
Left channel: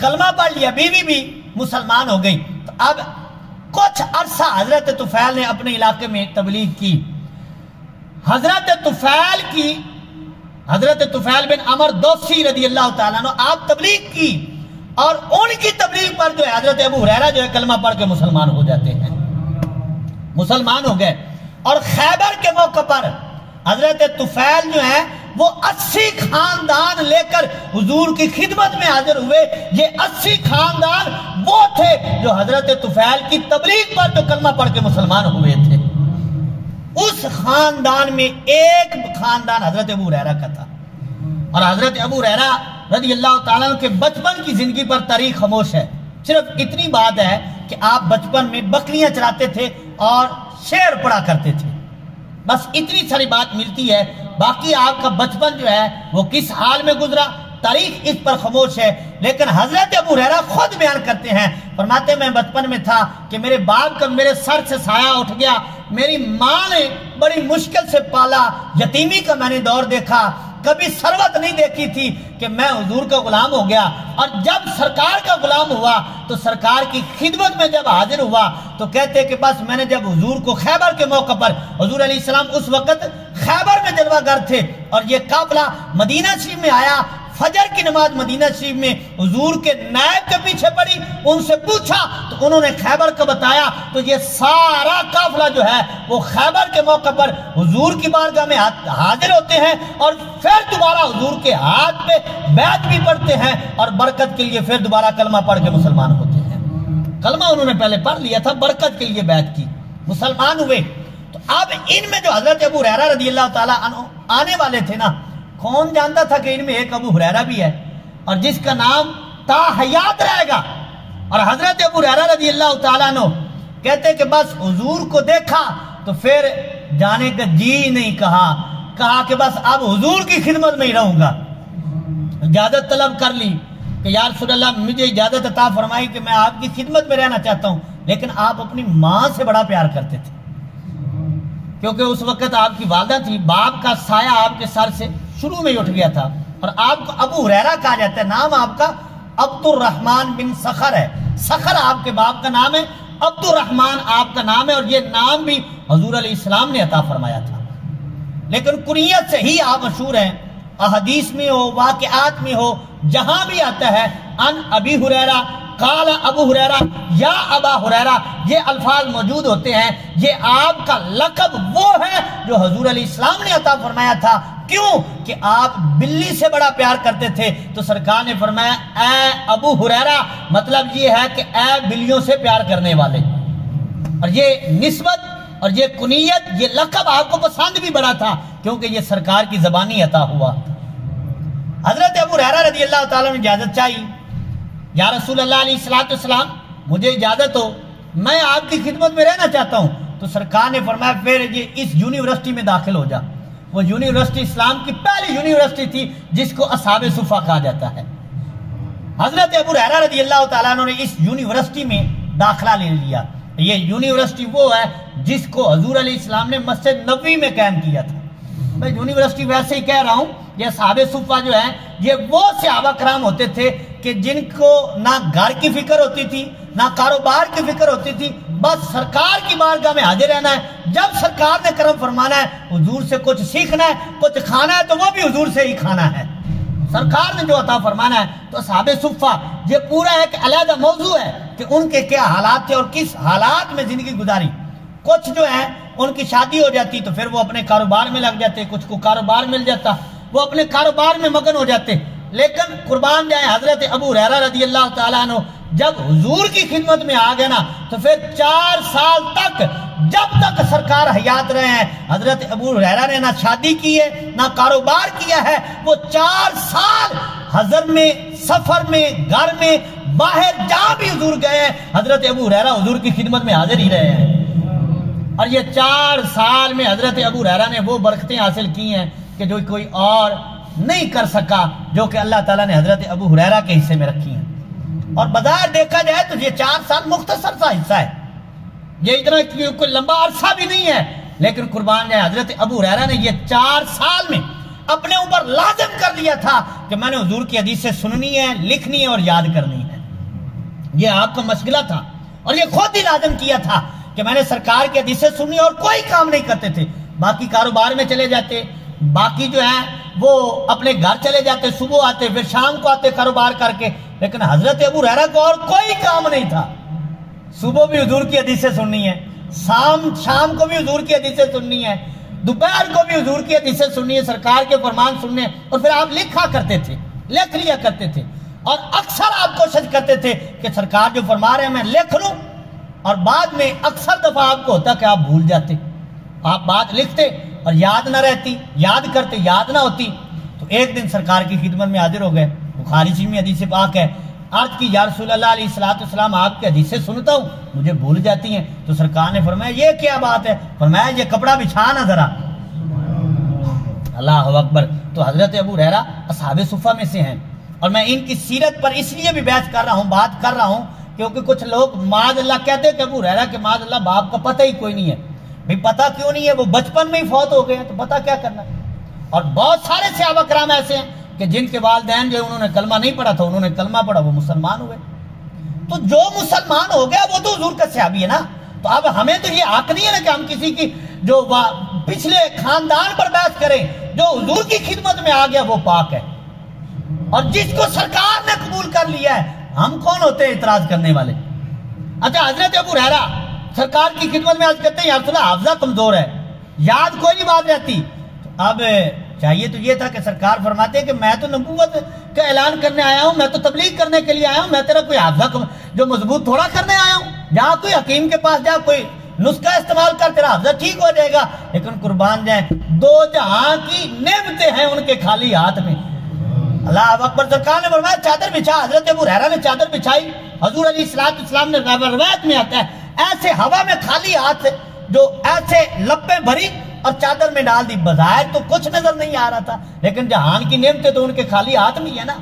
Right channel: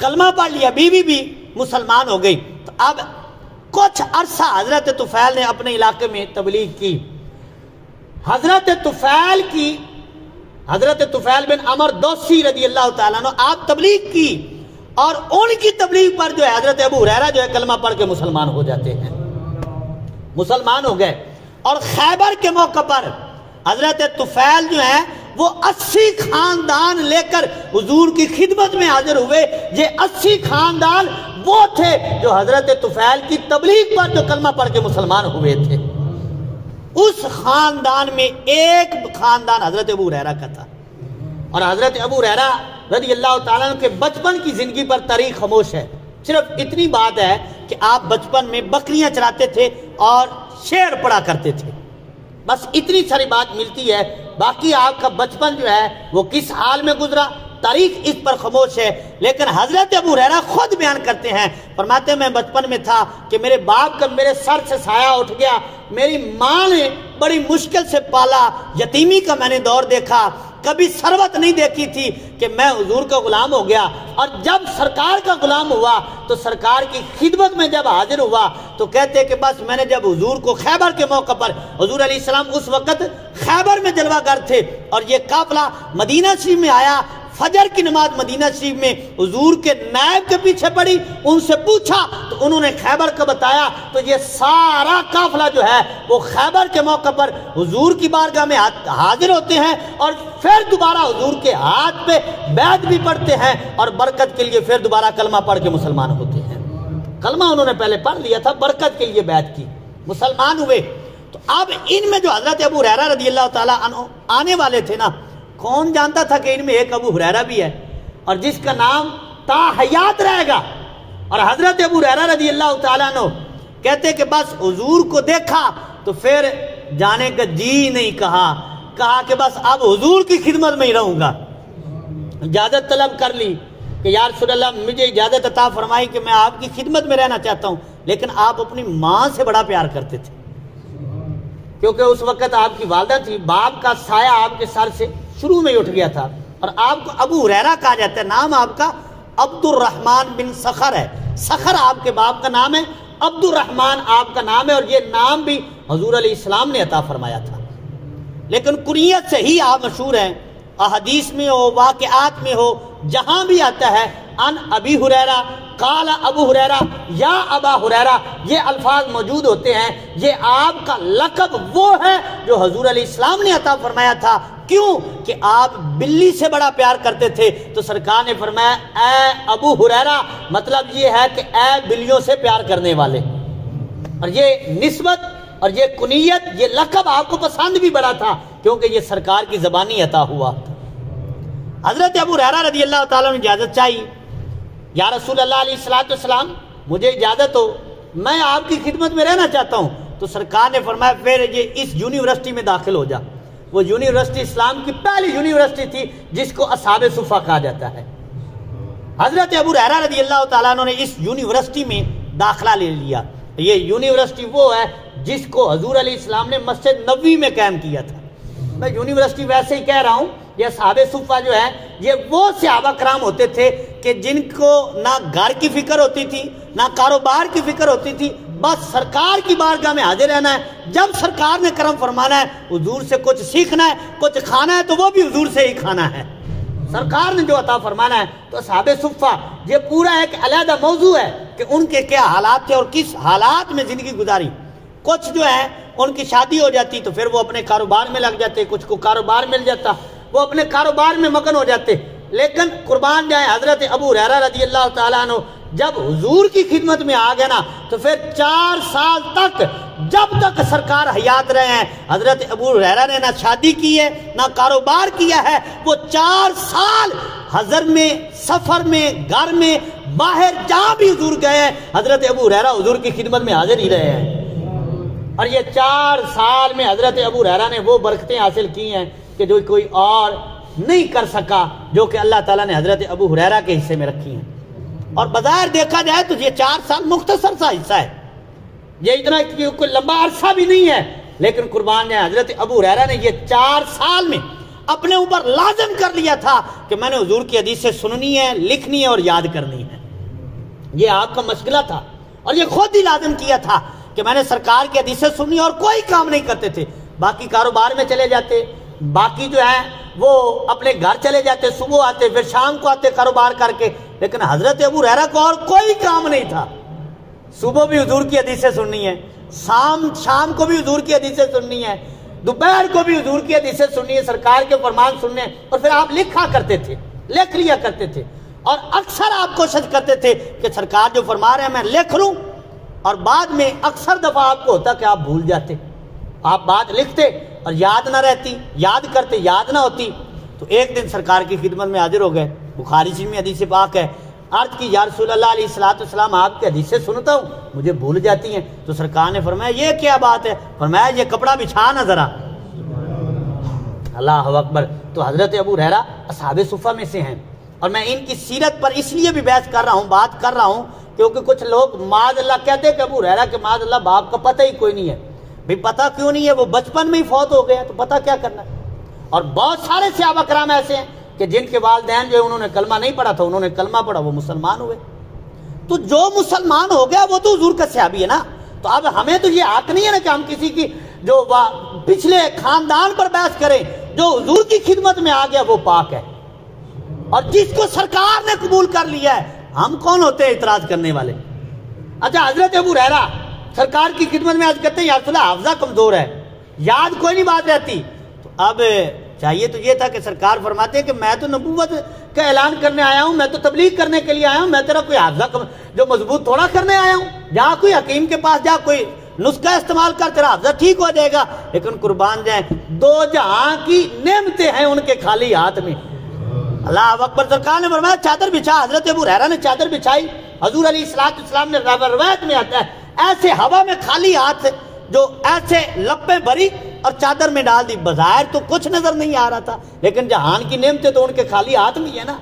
کلمہ پڑھ لیا، بیوی بھی مسلمان ہو گئی۔ تو اب کچھ عرصہ حضرت طفیل نے اپنے علاقے میں تبلیغ کی۔ حضرت طفیل بن عمر دوسی رضی اللہ تعالیٰ عنہ آپ تبلیغ کی اور ان کی تبلیغ پر جو ہے حضرت ابو ہریرہ جو ہے کلمہ پڑھ کے مسلمان ہو جاتے ہیں، مسلمان ہو گئے۔ اور خیبر کے موقع پر حضرت طفیل جو ہے وہ 80 خاندان لے کر حضور کی خدمت میں حاضر ہوئے۔ یہ 80 خاندان وہ تھے جو حضرت طفیل کی تبلیغ پر جو کلمہ پڑھ کے مسلمان ہوئے تھے۔ اس خاندان میں ایک خاندان حضرت ابو ہریرہ کا تھا، اور حضرت ابو ہریرہ رضی اللہ تعالیٰ عنہ کے بچپن کی زندگی پر تاریخ خاموش ہے۔ صرف اتنی بات ہے کہ آپ بچپن میں بکریاں چراتے تھے اور شعر پڑھا کرتے تھے، بس اتنی ساری بات ملتی ہے، باقی آپ کا بچپن جو ہے وہ کس حال میں گزرا تاریخ اس پر خاموش ہے۔ لیکن حضرت ابو ہریرہ خود بیان کرتے ہیں، فرماتے ہیں میں بچپن میں تھا کہ میرے باپ کا میرے سر سے سایہ اٹھ گیا، میری ماں نے بڑی مشکل سے پالا، یتیمی کا میں نے دور دیکھا، کبھی ثروت نہیں دیکھی تھی کہ میں حضور کا غلام ہو گیا، اور جب سرکار کا غلام ہوا تو سرکار کی خدمت میں جب حاضر ہوا تو کہتے کہ بس میں نے جب حضور کو خیبر کے موقع پر، حضور علیہ السلام اس وقت خیبر میں جلوہ گر تھے اور یہ قافلہ مدینہ شریف میں آیا، فجر کی نماز مدینہ شریف میں حضور کے نائب کے پیچھے پڑی، ان سے پوچھا تو انہوں نے خیبر کا بتایا، تو یہ سارا قافلہ جو ہے وہ خیبر کے موقع پر حضور کی بارگاہ میں حاضر ہوتے ہیں اور پھر دوبارہ حضور کے ہاتھ پہ بیعت بھی پڑھتے ہیں اور برکت کے لیے پھر دوبارہ کلمہ پڑھ کے مسلمان ہوتے ہیں۔ کلمہ انہوں نے پہلے پڑھ لیا تھا، برکت کے لیے بیعت کی، مسلمان ہوئے۔ تو اب ان میں جو حضرت ابو ہریرہ رضی اللہ تعالیٰ عنہ آنے والے تھے نا، کون جانتا تھا کہ ان میں ایک ابو ہریرہ بھی ہے اور جس کا نام تا حیات رہے گا۔ اور حضرت ابو ہریرہ رضی اللہ تعالیٰ عنہ کہتے کہ بس حضور کو دیکھا تو پھر جانے کا جی نہیں کہا کہ بس اب حضور کی خدمت میں ہی رہوں گا۔ اجازت طلب کر لی کہ یا رسول اللہ مجھے اجازت عطا فرمائی کہ میں آپ کی خدمت میں رہنا چاہتا ہوں، لیکن آپ اپنی ماں سے بڑا پیار کرتے تھے کیونکہ اس وقت آپ کی والدہ تھی، باپ کا سایہ آپ کے سر سے شروع میں ہی اٹھ گیا تھا، اور آپ کو ابو ہریرہ کہا جاتا ہے، نام آپ کا عبد الرحمن بن سخر ہے، سخر آپ کے باپ کا نام ہے، عبد الرحمن آپ کا نام ہے، اور یہ نام بھی حضور علیہ السلام نے عطا فرمایا تھا، لیکن کنیت سے ہی آپ مشہور ہیں، احادیث میں ہو، واقعات میں ہو، جہاں بھی آتا ہے ان ابی ہریرہ قال ابو ہریرہ یا ابا ہریرہ، یہ الفاظ موجود ہوتے ہیں، یہ آپ کا لقب وہ ہے جو حضور علیہ السلام نے عطا فرمایا تھا۔ کیوں کہ آپ بلی سے بڑا پیار کرتے تھے، تو سرکار نے فرمایا اے ابو ہریرہ، مطلب یہ ہے کہ اے بلیوں سے پیار کرنے والے۔ اور یہ نسبت اور یہ کنیت، یہ لقب آپ کو پسند بھی بڑا تھا کیونکہ یہ سرکار کی زبانی عطا ہوا۔ حضرت ابو ہریرہ رضی اللہ تعالیٰ نے اجازت چاہی، یا رسول اللہ علیہ السلام مجھے اجازت ہو، میں آپ کی خدمت میں رہنا چاہتا ہوں۔ تو سرکار نے فرمایا پھر یہ اس یونیورسٹی میں داخل ہو جا۔ وہ یونیورسٹی اسلام کی پہلی یونیورسٹی تھی جس کو اصحاب صفہ کہا جاتا ہے۔ حضرت ابو ہریرہ رضی اللہ تعالیٰ عنہ نے اس یونیورسٹی میں داخلہ لے لیا۔ یہ یونیورسٹی وہ ہے جس کو حضور علیہ السلام نے مسجد نبوی میں قائم کیا تھا۔ میں یونیورسٹی ویسے ہی کہہ رہا ہوں، یہ اصحاب صفہ جو ہے یہ وہ صحابہ کرام ہوتے تھے کہ جن کو نہ گھر کی فکر ہوتی تھی نہ کاروبار کی فکر ہوتی تھی، بس سرکار کی بارگاہ میں حاضر رہنا ہے۔ جب سرکار نے کرم فرمانا ہے، حضور سے کچھ سیکھنا ہے، کچھ کھانا ہے، تو وہ بھی حضور سے ہی کھانا ہے۔ سرکار نے جو عطا فرمانا ہے، تو اصحاب صفہ یہ پورا ایک علیحدہ موضوع ہے کہ ان کے کیا حالات تھے اور کس حالات میں زندگی گزاری۔ کچھ جو ہے ان کی شادی ہو جاتی تو پھر وہ اپنے کاروبار میں لگ جاتے، کچھ کو کاروبار مل جاتا وہ اپنے کاروبار میں مگن ہو جاتے۔ لیکن قربان جائیں حضرت ابو ہریرہ رضی اللہ تعالیٰ عنہ جب حضور کی خدمت میں آ گیا نا، تو پھر 4 سال تک جب تک سرکار حیات رہے ہیں، حضرت ابو ہریرہ نے نہ شادی کی ہے نہ کاروبار کیا ہے۔ وہ 4 سال حضر میں، سفر میں، گھر میں، باہر جہاں بھی حضور گئے ہیں، حضرت ابو ہریرہ حضور کی خدمت میں حاضر ہی رہے ہیں۔ اور یہ 4 سال میں حضرت ابو ہریرہ نے وہ برکتیں حاصل کی ہیں کہ جو کوئی اور نہیں کر سکا، جو کہ اللہ تعالیٰ نے حضرت ابو ہریرہ کے حصے میں رکھی ہیں۔ اور بظاہر دیکھا جائے تو یہ 4 سال مختصر سا حصہ ہے، یہ اتنا کوئی لمبا عرصہ بھی نہیں ہے، لیکن قربان جائے حضرت ابو ہریرہ نے یہ 4 سال میں اپنے اوپر لازم کر لیا تھا کہ میں نے حضور کی حدیثیں سننی ہے، لکھنی ہے اور یاد کرنی ہے۔ یہ آپ کا مشغلہ تھا، اور یہ خود ہی لازم کیا تھا کہ میں نے سرکار کی حدیثیں سننی اور کوئی کام نہیں کرتے تھے، باقی کاروبار میں چلے جاتے، باقی جو ہے وہ اپنے گھر چلے جاتے، صبح آتے پھر شام کو آتے کاروبار کر کے۔ لیکن حضرت ابو ہریرہ کو اور کوئی کام نہیں تھا، صبح بھی حضور کی حدیثیں سننی ہے، شام کو بھی حضور کی حدیثیں سننی ہے، دوپہر کو بھی حضور کی حدیثیں سننی ہے، سرکار کے فرمان سننے۔ اور پھر آپ لکھا کرتے تھے، لکھ لیا کرتے تھے، اور اکثر آپ کوشش کرتے تھے کہ سرکار جو فرما رہے ہیں میں لکھ لوں، اور بعد میں اکثر دفعہ آپ کو ہوتا کہ آپ بھول جاتے، آپ بات لکھتے اور یاد نہ رہتی، یاد کرتے یاد نہ ہوتی۔ تو ایک دن سرکار کی خدمت میں حاضر ہو گئے، بخاری شریف میں حدیث پاک ہے، عرض کی یا رسول اللہ علیہ السلام آپ کی حدیثیں سنتا ہوں مجھے بھول جاتی ہیں۔ تو سرکار نے فرمایا یہ کیا بات ہے؟ فرمایا یہ کپڑا بچھا نہ ذرا۔ اللہ اکبر۔ تو حضرت ابو ہریرہ اصحاب صفہ میں سے ہیں، اور میں ان کی سیرت پر اس لیے بھی بحث کر رہا ہوں، بات کر رہا ہوں، کیونکہ کچھ لوگ معاذ اللہ کہتے ہیں کہ ابو ہریرہ کے معاذ اللہ باپ کا پتہ ہی کوئی نہیں ہے۔ بھی پتہ کیوں نہیں ہے؟ وہ بچپن میں ہی فوت ہو گئے تو پتہ کیا کرنا ہے؟ اور بہت سارے صحابہ کرام ایسے ہیں کہ جن کے والدین جو انہوں نے کلمہ نہیں پڑھا تھا، انہوں نے کلمہ پڑھا، وہ مسلمان ہوئے۔ تو جو مسلمان ہو گیا وہ تو حضور کا صحابی ہے نا۔ تو اب ہمیں تو یہ حق نہیں ہے نا کہ ہم کسی کی جو پچھلے خاندان پر بحث کریں، جو حضور کی خدمت میں آ گیا وہ پاک ہے، اور جس کو سرکار نے قبول کر لیا ہے، ہم کون ہوتے ہیں اعتراض کرنے والے؟ اچھا حضرت ابو ہریرہ سرکار کی خدمت میں عرض کرتے ہیں یا رسول اللہ حافظہ کمزور ہے، یاد کوئی نہیں بات رہتی۔ تو اب چاہیے تو یہ تھا کہ سرکار فرماتے ہیں کہ میں تو نبوت کا اعلان کرنے آیا ہوں، میں تو تبلیغ کرنے کے لیے آیا ہوں، میں تیرا کوئی حافظہ جو مضبوط تھوڑا کرنے آیا ہوں، جہاں کوئی حکیم کے پاس جا کوئی نسخہ استعمال کر تیرا حافظہ ٹھیک ہو جائے گا۔ لیکن قربان جائیں 2 جہاں کی نعمتیں ہیں ان کے خالی ہاتھ میں۔ اللہ اکبر۔ سرکار نے فرمایا چادر بچھا، حضرت ابو ہریرہ نے چادر بچھائی۔ حضور علیہ السلام نے روایت میں آتا ہے ایسے ہوا میں خالی ہاتھ جو ایسے لپیں بھری اور چادر میں ڈال دی، بظاہر تو کچھ نظر نہیں آ رہا تھا، لیکن جہان کی نعمتیں تو ان کے خالی ہاتھ میں ہی ہے نا۔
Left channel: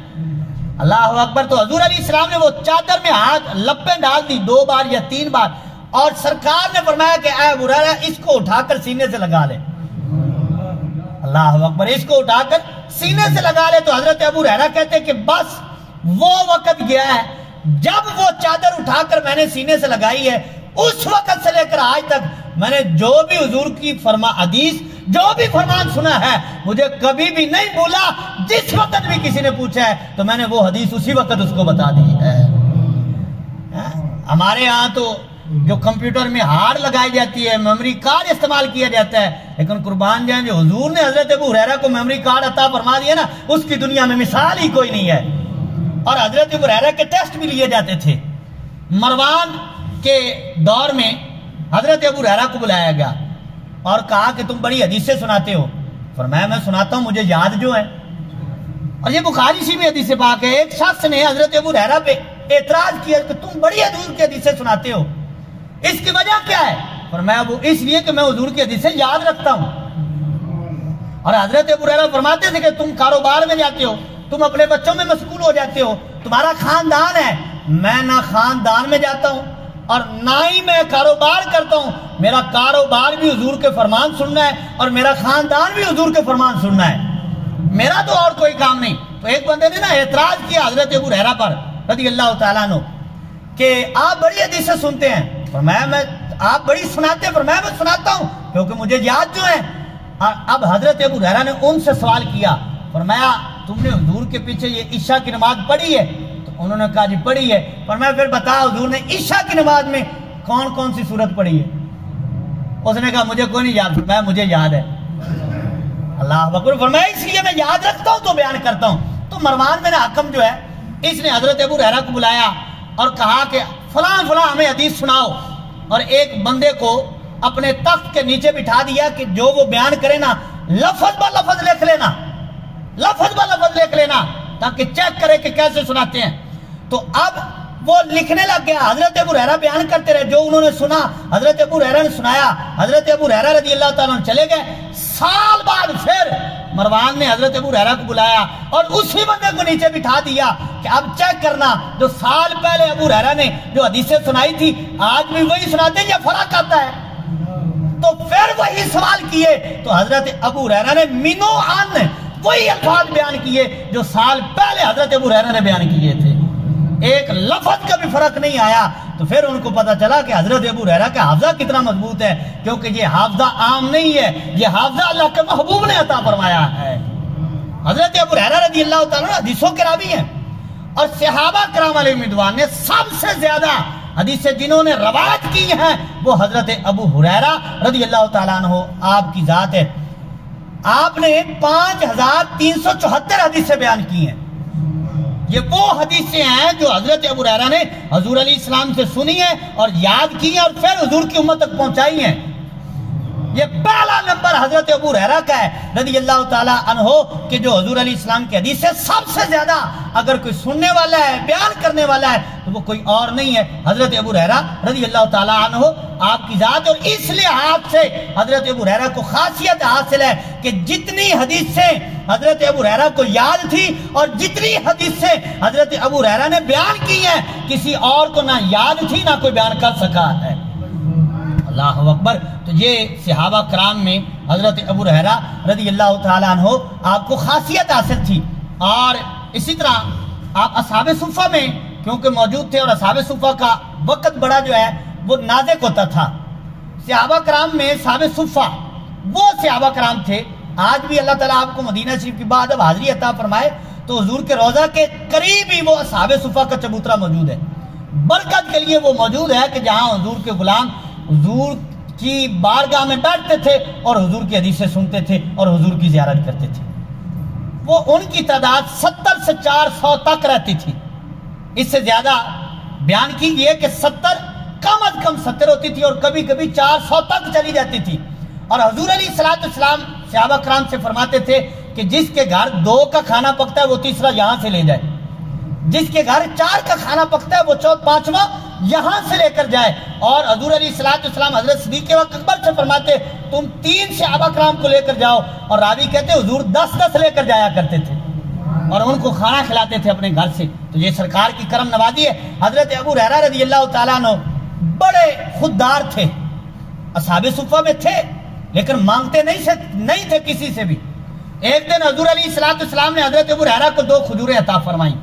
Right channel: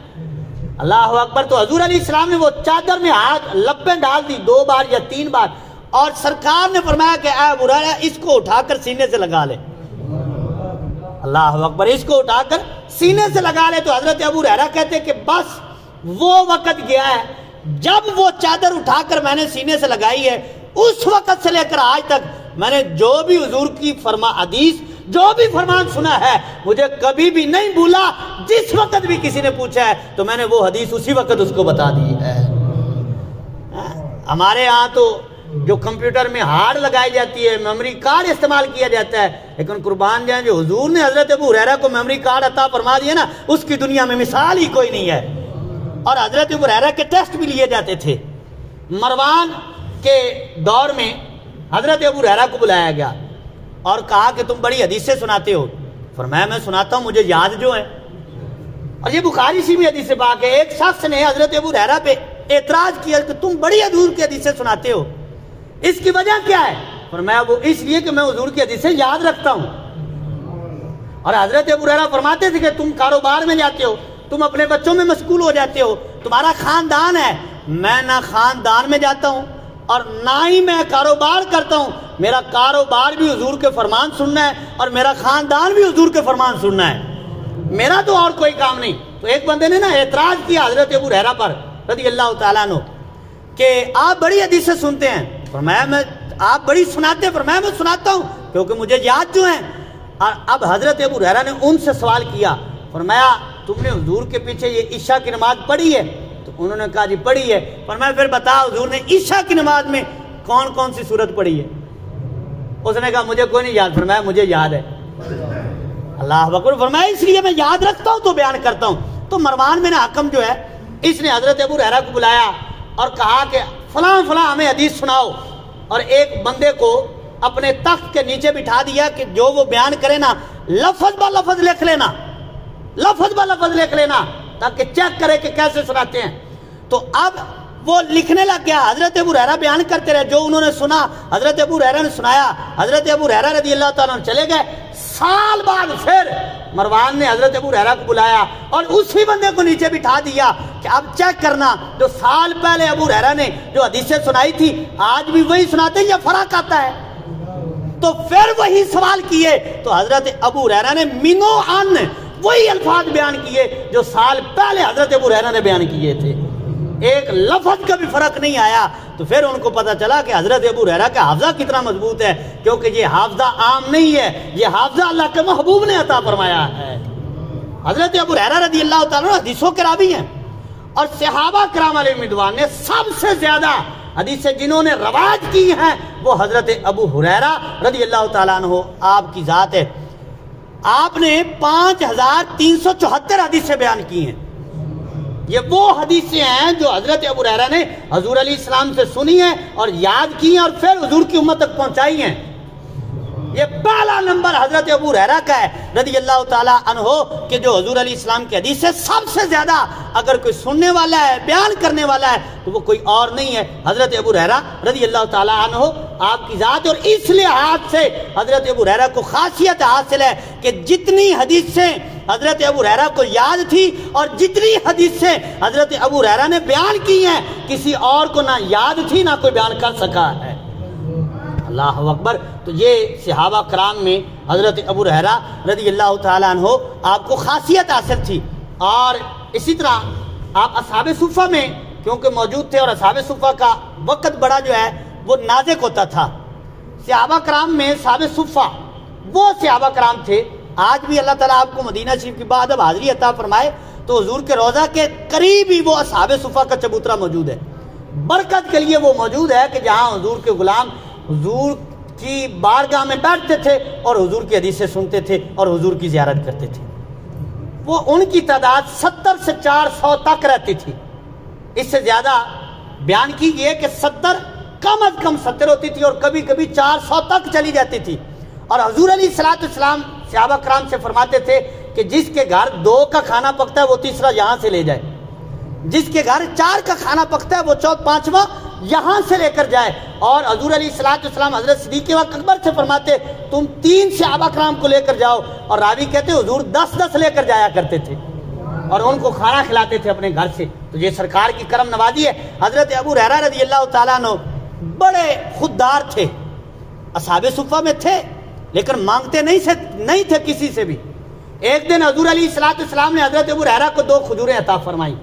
اللہ اکبر۔ تو حضور علیہ السلام نے وہ چادر میں ہاتھ لپیں ڈال دی 2 بار یا 3 بار، اور سرکار نے فرمایا کہ اے ابو ہریرہ اس کو اٹھا کر سینے سے لگا لے۔ اللہ اکبر۔ اس کو اٹھا کر سینے سے لگا لے۔ تو حضرت ابو ہریرہ کہتے کہ بس وہ وقت گیا ہے جب وہ چادر اٹھا کر میں نے سینے سے لگائی ہے، اس وقت سے لے کر آج تک میں نے جو بھی حضور کی حدیث جو بھی فرمان سنا ہے مجھے کبھی بھی نہیں بھولا۔ جس وقت بھی کسی نے پوچھا ہے تو میں نے وہ حدیث اسی وقت اس کو بتا دی ہے۔ ہمارے یہاں تو جو کمپیوٹر میں ہارڈ لگائی جاتی ہے، میموری کارڈ استعمال کیا جاتا ہے، لیکن قربان جائیں جو حضور نے حضرت ابو ہریرہ کو میموری کارڈ عطا فرما دیا نا، اس کی دنیا میں مثال ہی کوئی نہیں ہے۔ اور حضرت ابو ہریرہ کے ٹیسٹ بھی لیے جاتے تھے۔ مروان کے دور میں حضرت ابو ہریرہ کو بلایا گیا اور کہا کہ تم بڑی حدیثیں سناتے ہو۔ فرمایا میں سناتا ہوں، مجھے یاد جو ہے۔ اور یہ بخاری سی میں حدیث پاک ہے، ایک شخص نے حضرت ابو ہریرہ پہ اعتراض کیا کہ تم بڑی حضور کی حدیثیں سناتے ہو، اس کی وجہ کیا ہے؟ فرمایا وہ اس لیے کہ میں حضور کی حدیثیں یاد رکھتا ہوں۔ اور حضرت ابو ہریرہ فرماتے تھے کہ تم کاروبار میں جاتے ہو، تم اپنے بچوں میں مشغول ہو جاتے ہو، تمہارا خاندان ہے، میں نہ خاندان میں جاتا ہوں اور نہ ہی میں کاروبار کرتا ہوں، میرا کاروبار بھی حضور کے فرمان سننا ہے اور میرا خاندان بھی حضور کے فرمان سننا ہے، میرا تو اور کوئی کام نہیں۔ تو ایک بندے نے نا اعتراض کیا حضرت ابو ہریرہ پر رضی اللہ تعالیٰ عنہ کہ آپ بڑی حدیثیں سنتے ہیں۔ فرمایا میں آپ بڑی سناتے ہیں؟ فرمایا میں سناتا ہوں کیونکہ مجھے یاد جو ہیں۔ اب حضرت ابو ہریرہ نے ان سے سوال کیا، فرمایا تم نے حضور کے پیچھے یہ عشاء کی نماز پڑھی ہے؟ تو انہوں نے کہا جی پڑھی ہے۔ فرمایا پھر بتا حضور نے عشاء کی نماز میں کون کون سی سورت پڑھی ہے؟ اس نے کہا مجھے کوئی نہیں یاد۔ فرمایا مجھے یاد ہے۔ اللہ اکبر۔ فرمایا اس لیے میں یاد رکھتا ہوں تو بیان کرتا ہوں۔ تو مروان بن حکم جو ہے اس نے حضرت ابو ہریرہ کو بلایا اور کہا کہ فلاں فلاں ہمیں حدیث سناؤ، اور ایک بندے کو اپنے تخت کے نیچے بٹھا دیا کہ جو وہ بیان کرے نا لفظ با لفظ لکھ لینا، لفظ با لفظ لکھ لینا تاکہ چیک کرے کہ کیسے سناتے ہیں۔ تو اب وہ لکھنے لگ گیا، حضرت ابو ہریرہ بیان کرتے رہے جو انہوں نے سنا، حضرت ابو ہریرہ نے سنایا، حضرت ابو ہریرہ رضی اللہ تعالیٰ چلے گئے۔ سال بعد پھر مروان نے حضرت ابو ہریرہ کو بلایا اور اسی بندے کو نیچے بٹھا دیا کہ اب چیک کرنا جو سال پہلے ابو ہریرہ نے جو حدیثیں سنائی تھی آج بھی وہی سناتے ہیں یا فرق آتا ہے؟ تو پھر وہی سوال کیے تو حضرت ابو ہریرہ نے منو عن وہی الفاظ بیان کیے جو سال پہلے حضرت ابو ہریرہ نے بیان کیے تھے، ایک لفظ کا بھی فرق نہیں آیا۔ تو پھر ان کو پتا چلا کہ حضرت ابو ہریرہ کا حافظہ کتنا مضبوط ہے، کیونکہ یہ حافظہ عام نہیں ہے، یہ حافظہ اللہ کے محبوب نے عطا فرمایا ہے۔ حضرت ابو ہریرہ رضی اللہ تعالیٰ عنہ حدیثوں کے راوی ہیں، اور صحابہ کرام علیہ رضوان نے سب سے زیادہ حدیثیں جنہوں نے روایت کی ہیں وہ حضرت ابو ہریرہ رضی اللہ تعالیٰ عنہ آپ کی ذات ہے۔ آپ نے 5374 حدیثیں بیان کی ہیں۔ یہ وہ حدیثیں ہیں جو حضرت ابو ہریرہ نے حضور علیہ السلام سے سنی ہیں اور یاد کی ہیں اور پھر حضور کی امت تک پہنچائی ہیں۔ یہ پہلا نمبر حضرت ابو ہریرہ کا ہے رضی اللہ تعالیٰ عنہ کہ جو حضور علیہ السلام کی حدیث ہے سب سے زیادہ اگر کوئی سننے والا ہے بیان کرنے والا ہے تو وہ کوئی اور نہیں ہے، حضرت ابو ہریرہ رضی اللہ تعالیٰ عنہ آپ کی ذات۔ اور اس لحاظ سے حضرت ابو ہریرہ کو خاصیت حاصل ہے کہ جتنی حدیثیں حضرت ابو ہریرہ کو یاد تھی اور جتنی حدیثیں حضرت ابو ہریرہ نے بیان کی ہیں کسی اور کو نہ یاد تھی نہ کوئی بیان کر سکا ہے۔ اللہ اکبر۔ تو یہ صحابہ کرام میں حضرت ابو ہریرہ رضی اللہ تعالیٰ عنہ آپ کو خاصیت حاصل تھی۔ اور اسی طرح آپ اصحاب صفہ میں کیونکہ موجود تھے اور اصحاب صفہ کا وقت بڑا جو ہے وہ نازک ہوتا تھا۔ صحابہ کرام میں اصحاب صفہ وہ صحابہ کرام تھے، آج بھی اللہ تعالیٰ آپ کو مدینہ شریف کی بعد اب حاضری عطا فرمائے تو حضور کے روضہ کے قریب ہی وہ اصحاب صفہ کا چبوترا موجود ہے۔ برکت کے لیے وہ موجود ہے کہ جہاں حضور کے غلام حضور کی بارگاہ میں بیٹھتے تھے اور حضور کی حدیثیں سنتے تھے اور حضور کی زیارت کرتے تھے۔ وہ ان کی تعداد 70 سے 400 تک رہتی تھی، اس سے زیادہ بیان کیجئے کہ 70 کم از کم 70 ہوتی تھی اور کبھی کبھی 400 تک چلی جاتی تھی۔ اور حضور علیہ السلام صحابہ کرام سے فرماتے تھے کہ جس کے گھر 2 کا کھانا پکتا ہے وہ تیسرا یہاں سے لے جائے، جس کے گھر 4 کا کھانا پکتا ہے وہ 5واں یہاں سے لے کر جائے۔ اور حضور علیہ السلام حضرت صدیق اکبر سے فرماتے تم 3 صحابہ کرام کو لے کر جاؤ، اور راوی کہتے حضور 10 لے کر جایا کرتے تھے اور ان کو کھانا کھلاتے تھے اپنے گھر سے۔ تو یہ سرکار کی کرم نوازی ہے۔ حضرت ابو ہریرہ رضی اللہ تعالیٰ عنہ بڑے خوددار تھے، اصحاب صفہ میں تھے لیکن مانگتے نہیں تھے کسی سے بھی۔ ایک دن حضور علیہ السلام نے حضرت ابو ہریرہ کو 2 کھجوریں عطا فرمائیں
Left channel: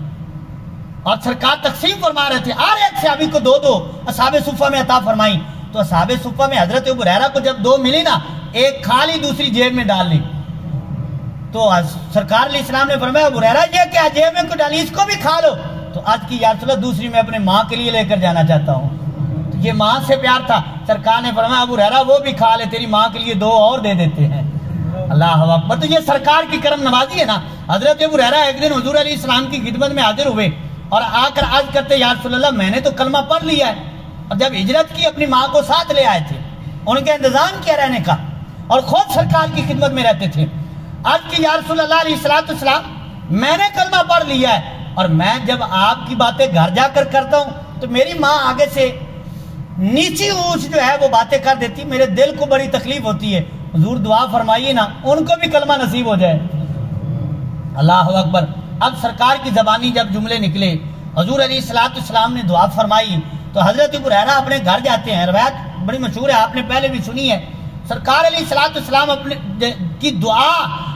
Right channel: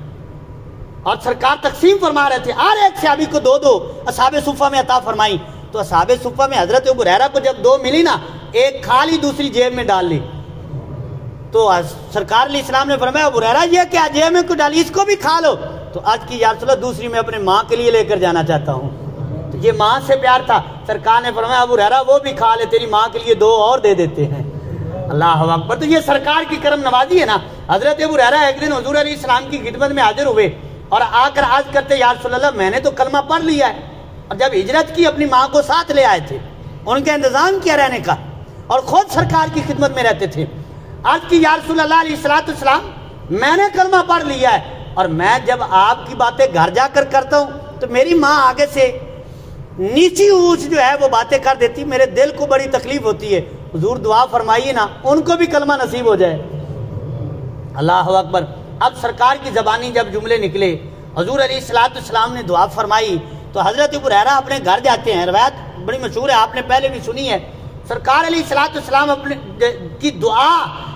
اور سرکار تقسیم فرما رہے تھے، اور ایک صحابی کو 2 اصحاب صفہ میں عطا فرمائیں۔ تو اصحاب صفہ میں حضرت ابو ہریرہ کو جب 2 ملی نا، ایک کھا لی دوسری جیب میں ڈال لی۔ تو سرکار علیہ السلام نے فرمایا ابو ہریرہ یہ کیا جیب میں کو ڈالی، اس کو بھی کھا لو۔ تو آج کی یا رسول اللہ دوسری میں اپنے ماں کے لیے لے کر جانا چاہتا ہوں. تو یہ ماں سے پیار تھا. سرکار نے فرمایا ابو ہریرہ وہ بھی کھا لے، تیری ماں کے لیے 2 اور دے دیتے ہیں. اللہ اکبر. تو یہ سرکار کی کرم نوازی ہے نا. حضرت ابو ہریرہ ایک دن حضور علیہ السلام کی خدمت میں حاضر ہوئے اور آ کر عرض کرتے یا رسول اللہ میں نے تو کلمہ پڑھ لیا ہے. اور جب ہجرت کی اپنی ماں کو ساتھ لے آئے تھے، ان کے انتظام کیا رہنے کا، اور خود سرکار کی خدمت میں رہتے تھے. آج کی یا رسول اللہ علیہ السلام میں نے کلمہ پڑھ لیا ہے، اور میں جب آپ کی باتیں گھر جا کر کرتا ہوں تو میری ماں آگے سے نیچی اونچ جو ہے وہ باتیں کر دیتی، میرے دل کو بڑی تکلیف ہوتی ہے. حضور دعا فرمائیے نا ان کو بھی کلمہ نصیب ہو جائے. اللہ اکبر. اب سرکار کی زبانی جب جملے نکلے، حضور علیہ السلام نے دعا فرمائی تو حضرت ابو ہریرہ اپنے گھر جاتے ہیں. روایت بڑی مشہور ہے، آپ نے پہلے بھی سنی ہے. سرکار علیہ السلام اپنے کی دعا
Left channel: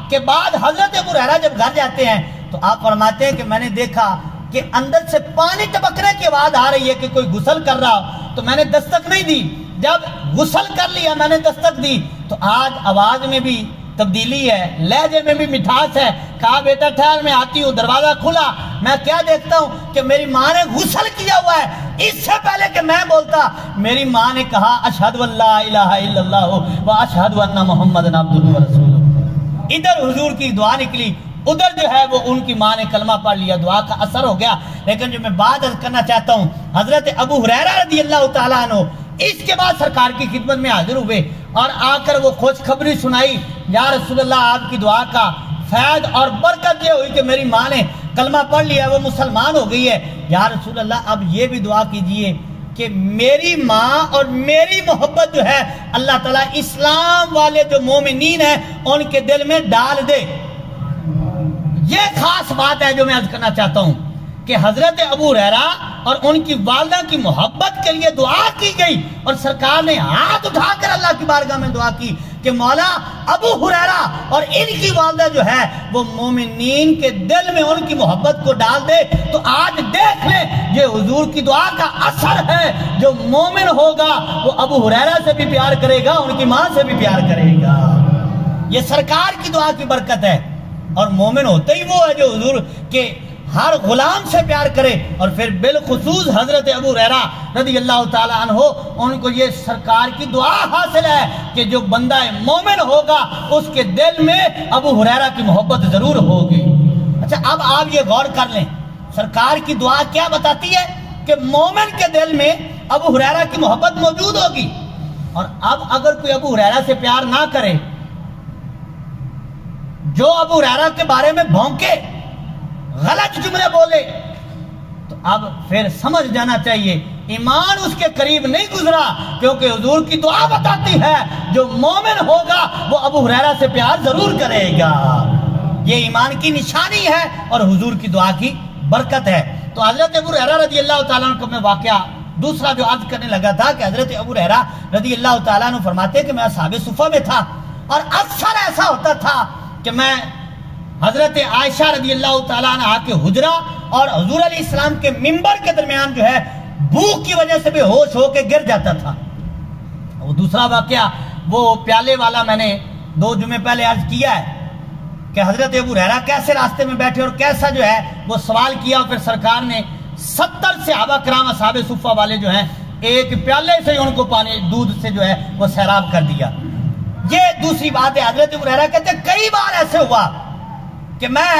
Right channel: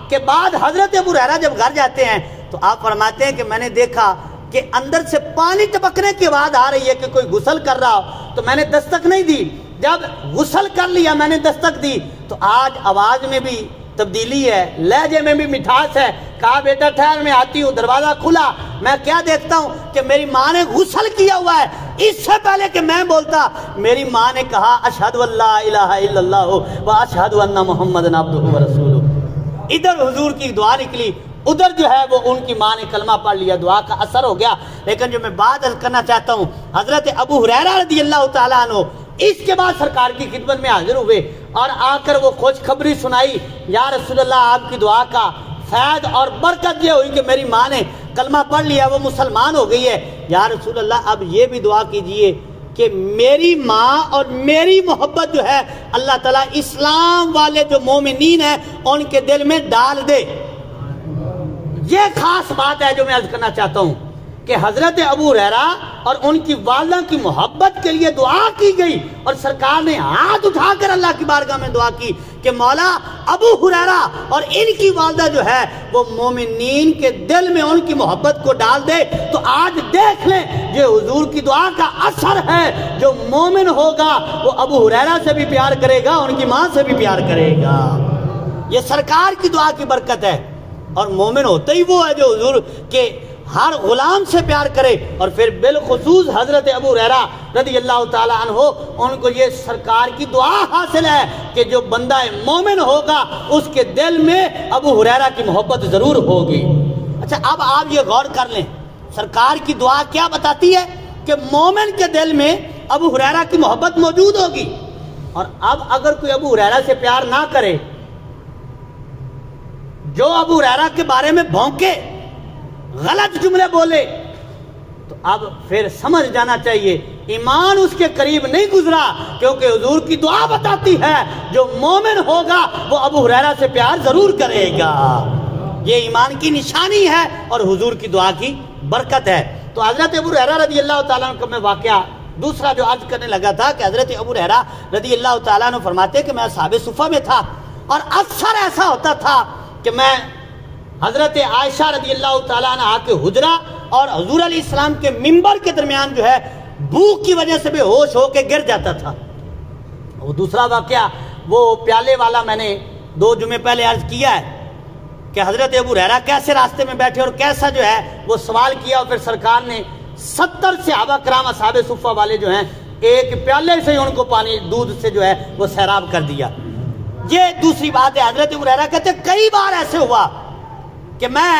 کے بعد حضرت ابو ہریرہ جب گھر جاتے ہیں تو آپ فرماتے ہیں کہ میں نے دیکھا کہ اندر سے پانی ٹپکنے کی آواز آ رہی ہے کہ کوئی غسل کر رہا، تو میں نے دستک نہیں دی. جب غسل کر لیا میں نے دستک دی تو آج آواز میں بھی تبدیلی ہے، لہجے میں بھی مٹھاس ہے. کہا بیٹا ٹھہر میں آتی ہوں. دروازہ کھلا، میں کیا دیکھتا ہوں کہ میری ماں نے غسل کیا ہوا ہے. اس سے پہلے کہ میں بولتا میری ماں نے کہا اشہد اللہ الہ الا اللہ و اشہد ان محمد عبدہ و رسولہ. ادھر حضور کی دعا نکلی، ادھر جو ہے وہ ان کی ماں نے کلمہ پڑھ لیا، دعا کا اثر ہو گیا. لیکن جو میں بات عرض کرنا چاہتا ہوں، حضرت ابو ہریرہ رضی اللہ تعالیٰ عنہ اس کے بعد سرکار کی خدمت میں حاضر ہوئے اور آ کر وہ خوشخبری سنائی، یا رسول اللہ آپ کی دعا کا فیض اور برکت یہ ہوئی کہ میری ماں نے کلمہ پڑھ لیا، وہ مسلمان ہو گئی ہے. یا رسول اللہ اب یہ بھی دعا کیجئے کہ میری ماں اور میری محبت جو ہے اللہ تعالیٰ اسلام والے جو مومنین ہیں ان کے دل میں ڈال دے. یہ خاص بات ہے جو میں عرض کرنا چاہتا ہوں کہ حضرت ابو ہریرہ اور ان کی والدہ کی محبت کے لیے دعا کی گئی، اور سرکار نے ہاتھ اٹھا کر اللہ کی بارگاہ میں دعا کی کہ مولا ابو ہریرہ اور ان کی والدہ جو ہے وہ مومنین کے دل میں ان کی محبت کو ڈال دے. تو آج دیکھ لیں یہ حضور کی دعا کا اثر ہے. جو مومن ہوگا وہ ابو ہریرہ سے بھی پیار کرے گا، ان کی ماں سے بھی پیار کرے گا. یہ سرکار کی دعا کی برکت ہے. اور مومن ہوتا ہی وہ ہے جو حضور کے ہر غلام سے پیار کرے. اور پھر بالخصوص حضرت ابو ہریرہ رضی اللہ تعالیٰ عنہ ان کو یہ سرکار کی دعا حاصل ہے کہ جو بندہ مومن ہوگا اس کے دل میں ابو ہریرہ کی محبت ضرور ہوگی. اچھا اب آپ یہ غور کر لیں سرکار کی دعا کیا بتاتی ہے کہ مومن کے دل میں ابو ہریرہ کی محبت موجود ہوگی. اور اب اگر کوئی ابو ہریرہ سے پیار نہ کرے، جو ابو ہریرہ کے بارے میں بھونکے، غلط جملے بولے، تو اب پھر سمجھ جانا چاہیے ایمان اس کے قریب نہیں گزرا. کیونکہ حضور کی دعا بتاتی ہے جو مومن ہوگا وہ ابو ہریرہ سے پیار ضرور کرے گا. یہ ایمان کی نشانی ہے اور حضور کی دعا کی برکت ہے. تو حضرت ابو ہریرہ رضی اللہ تعالیٰ عنہ کو میں واقعہ دوسرا جو عرض کرنے لگا تھا کہ حضرت ابو ہریرہ رضی اللہ تعالیٰ عنہ فرماتے کہ میں اصحاب صفہ میں تھا، اور اکثر ایسا ہوتا تھا کہ میں حضرت عائشہ رضی اللہ تعالیٰ عنہ کے حجرہ اور حضور علیہ السلام کے منبر کے درمیان جو ہے بھوک کی وجہ سے بے ہوش ہو کے گر جاتا تھا. وہ دوسرا واقعہ وہ پیالے والا میں نے 2 جمعے پہلے عرض کیا ہے کہ حضرت ابو ہریرہ کیسے راستے میں بیٹھے اور کیسا جو ہے وہ سوال کیا، اور پھر سرکار نے 70 صحابہ کرام اصحاب صفہ والے جو ہیں ایک پیالے سے ان کو پانی دودھ سے جو ہے وہ سیراب کر دیا. یہ دوسری بات ہے. حضرت ابو ہریرہ کہتے کئی بار ایسے ہوا کہ میں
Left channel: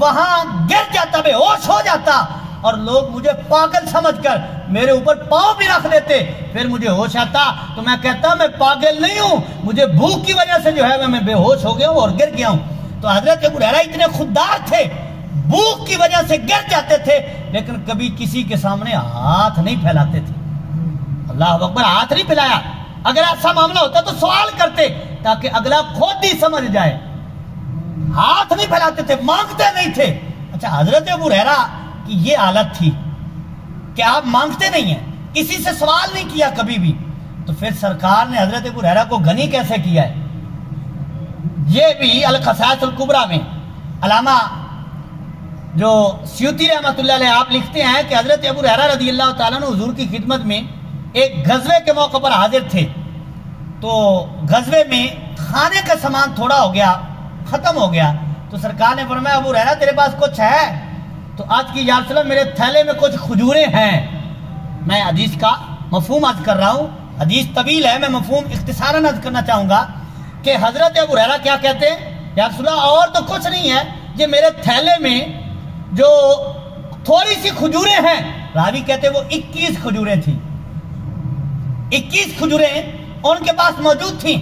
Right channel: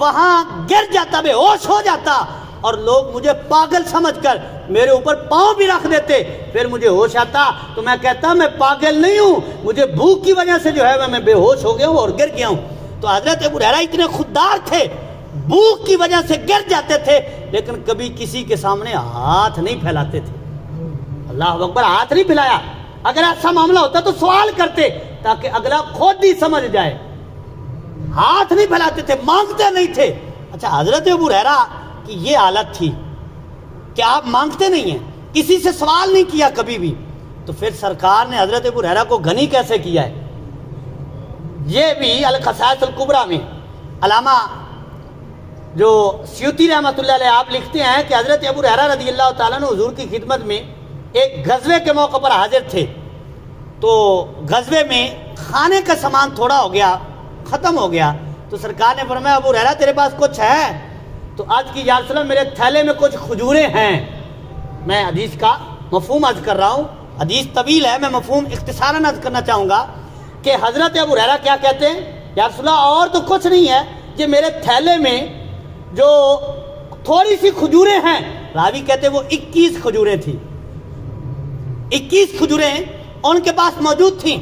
وہاں گر جاتا، بے ہوش ہو جاتا، اور لوگ مجھے پاگل سمجھ کر میرے اوپر پاؤں بھی رکھ دیتے. پھر مجھے ہوش آتا تو میں کہتا میں پاگل نہیں ہوں، مجھے بھوک کی وجہ سے جو ہے میں بے ہوش ہو گیا ہوں اور گر گیا ہوں. تو حضرت ابو ہریرہ اتنے خوددار تھے، بھوک کی وجہ سے گر جاتے تھے لیکن کبھی کسی کے سامنے ہاتھ نہیں پھیلاتے تھے. اللہ اکبر. ہاتھ نہیں پھیلایا. اگر ایسا معاملہ ہوتا تو سوال کرتے تاکہ اگلا خود ہی سمجھ جائے. ہاتھ نہیں پھیلاتے تھے، مانگتے نہیں تھے. اچھا حضرت ابو ہریرہ کی یہ حالت تھی کہ آپ مانگتے نہیں ہیں، کسی سے سوال نہیں کیا کبھی بھی، تو پھر سرکار نے حضرت ابو ہریرہ کو غنی کیسے کیا ہے؟ یہ بھی الخصائص الکبریٰ میں علامہ جو سیوطی رحمۃ اللہ علیہ آپ لکھتے ہیں کہ حضرت ابو ہریرہ رضی اللہ تعالیٰ عنہ حضور کی خدمت میں ایک غزوے کے موقع پر حاضر تھے. تو غزوے میں کھانے کا سامان تھوڑا ہو گیا، ختم ہو گیا. تو سرکار نے فرمایا ابو ہریرہ تیرے پاس کچھ ہے؟ تو تو آج کی یا رسول اللہ میرے تھیلے میں کچھ کھجوریں ہیں. میں حدیث کا مفہوم عرض کر رہا ہوں، حدیث طویل ہے، میں مفہوم اختصاراً عرض کرنا چاہوں گا کہ حضرت ابو ہریرہ کیا کہتے ہیں، یا رسول اللہ اور تو کچھ نہیں ہے، یہ میرے تھیلے میں جو تھوڑی سی کھجوریں ہیں. راوی کہتے ہیں وہ 21 کھجوریں تھیں، 21 کھجوریں ان کے پاس موجود تھیں.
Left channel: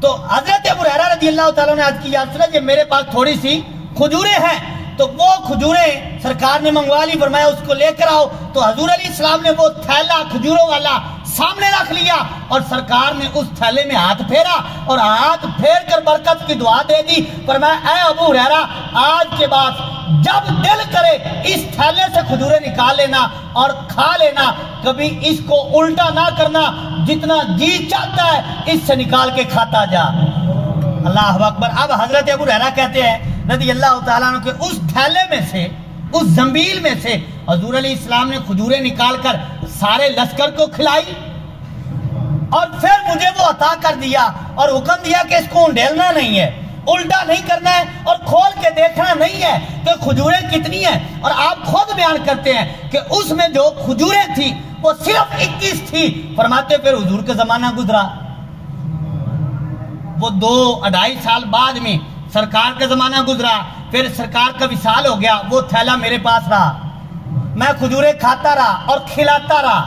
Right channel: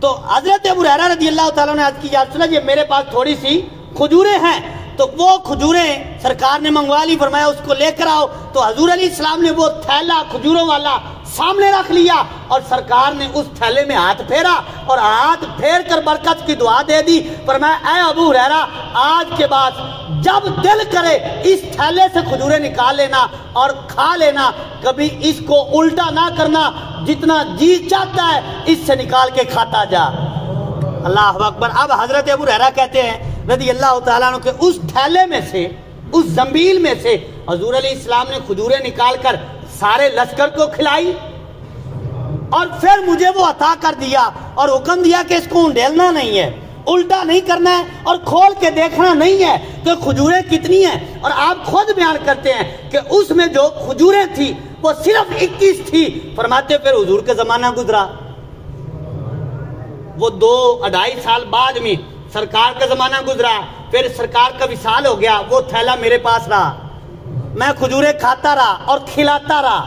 تو حضرت ابو ہریرہ رضی اللہ تعالیٰ نے عرض کی یا رسول اللہ یہ میرے پاس تھوڑی سی کھجوریں ہیں. تو وہ کھجوریں سرکار نے منگوا لی، فرمایا اس کو لے کر آؤ. تو حضور علیہ السلام نے وہ تھیلا کھجوروں والا سامنے رکھ لیا اور سرکار نے اس تھیلے میں ہاتھ پھیرا اور ہاتھ پھیر کر برکت کی دعا دے دی. فرمایا اے ابو ہریرہ آج کے بعد جب دل کرے اس تھیلے سے کھجوریں نکال لینا اور کھا لینا، کبھی اس کو الٹا نہ کرنا، جتنا جی چاہتا ہے اس سے نکال کے کھاتا جا. اللہ اکبر. اب حضرت ابو ہریرہ کہتے ہیں رضی اللہ تعالیٰ عنہ کہ اس تھیلے میں سے، اس زنبیل میں سے حضور علیہ السلام نے کھجوریں نکال کر سارے لشکر کو کھلائی اور پھر مجھے وہ عطا کر دیا اور حکم دیا کہ اس کو انڈیلنا نہیں ہے، الٹا نہیں کرنا ہے اور کھول کے دیکھنا نہیں ہے کہ کھجوریں کتنی ہیں. اور آپ خود بیان کرتے ہیں کہ اس میں جو کھجوریں تھی وہ صرف 21 تھی. فرماتے پھر حضور کے زمانہ گزرا، وہ 2-2.5 سال بعد میں سرکار کا زمانہ گزرا، پھر سرکار کا وصال ہو گیا. وہ تھیلا میرے پاس رہا، میں کھجوریں کھاتا رہا اور کھلاتا رہا.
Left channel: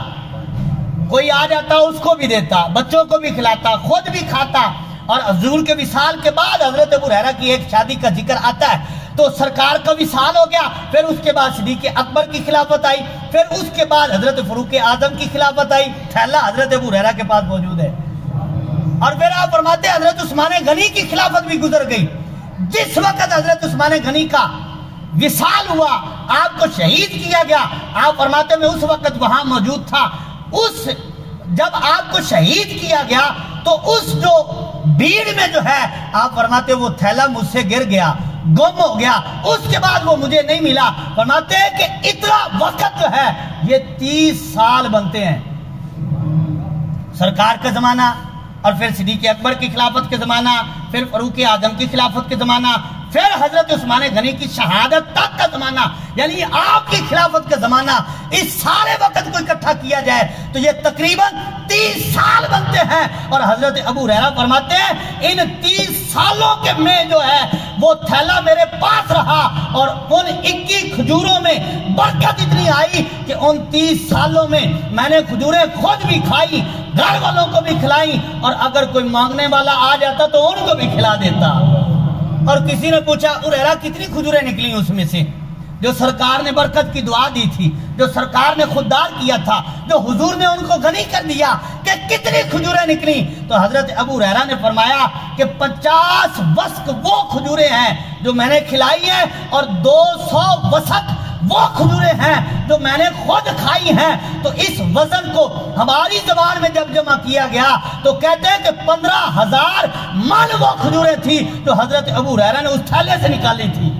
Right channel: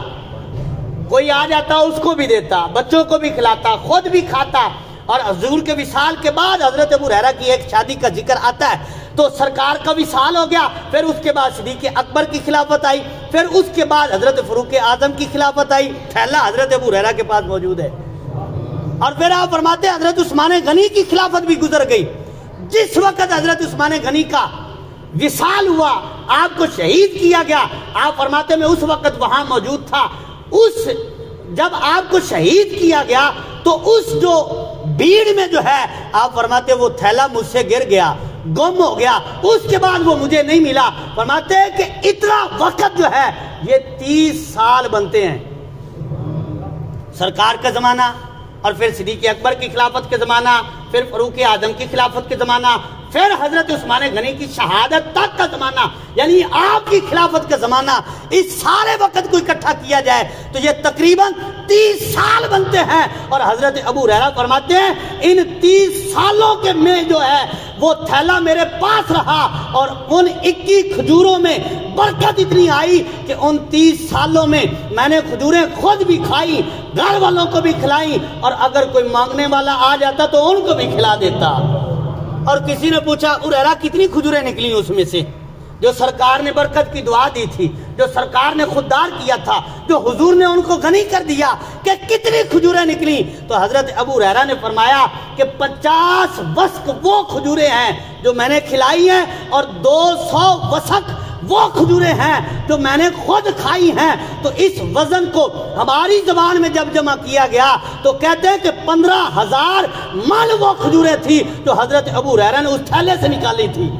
کوئی آ جاتا اس کو بھی دیتا، بچوں کو بھی کھلاتا، خود بھی کھاتا. اور حضور کے وصال کے بعد حضرت ابو ہریرہ کی ایک شادی کا ذکر آتا ہے. تو سرکار کا وصال ہو گیا، پھر اس کے بعد صدیق اکبر کی خلافت آئی، پھر اس کے بعد حضرت فاروق اعظم کی خلافت آئی. تھیلا حضرت ابو ہریرہ کے پاس موجود ہے. اور پھر آپ فرماتے ہیں حضرت عثمان غنی کی خلافت بھی گزر گئی. جس وقت حضرت عثمان غنی کا وصال ہوا، آپ کو شہید کیا گیا، آپ فرماتے ہیں میں اس وقت وہاں موجود تھا. جب آپ کو شہید کیا گیا تو اس جو بھیڑ میں جو ہے آپ فرماتے ہیں وہ تھیلا مجھ سے گر گیا، گم ہو گیا. اس کے بعد وہ مجھے نہیں ملا. فرماتے ہیں کہ اتنا وقت جو ہے یہ 30 سال بنتے ہیں. سرکار کا زمانہ اور پھر صدیق اکبر کی خلافت کے زمانہ، پھر فاروق اعظم کی خلافت کے زمانہ، پھر حضرت عثمان غنی کی شہادت تک کا زمانہ، یعنی آپ کی خلافت کا زمانہ. اس سارے وقت کو اکٹھا کیا جائے تو یہ تقریباً 30 سال بنتے ہیں. اور حضرت ابو ہریرہ فرماتے ہیں ان 30 سالوں کے میں جو ہے وہ تھیلا میرے پاس رہا اور ان 21 کھجوروں میں برکت اتنی آئی کہ ان 30 سالوں میں میں نے کھجوریں خود بھی کھائی، گھر والوں کو بھی کھلائی، اور اگر کوئی مانگنے والا آ جاتا تو ان کو بھی کھلا دیتا. اور کسی نے پوچھا ابو ہریرہ کتنی کھجوریں نکلی اس میں سے؟ جو سرکار نے برکت کی دعا دی تھی، جو سرکار نے خوددار کیا تھا، جو حضور نے ان کو غنی کر دیا، کہ کتنی کھجوریں نکلی؟ تو حضرت ابو ہریرہ نے فرمایا کہ 50 وسق وہ کھجوریں ہیں جو میں نے کھلائی ہیں اور 200 وسق وہ کھجوریں ہیں جو میں نے خود کھائی ہیں. تو اس وزن کو ہماری زبان میں جب جمع کیا گیا تو کہتے ہیں کہ 15,000 من وہ کھجوریں تھی جو حضرت ابو ہریرہ نے اس تھیلے سے نکالی تھی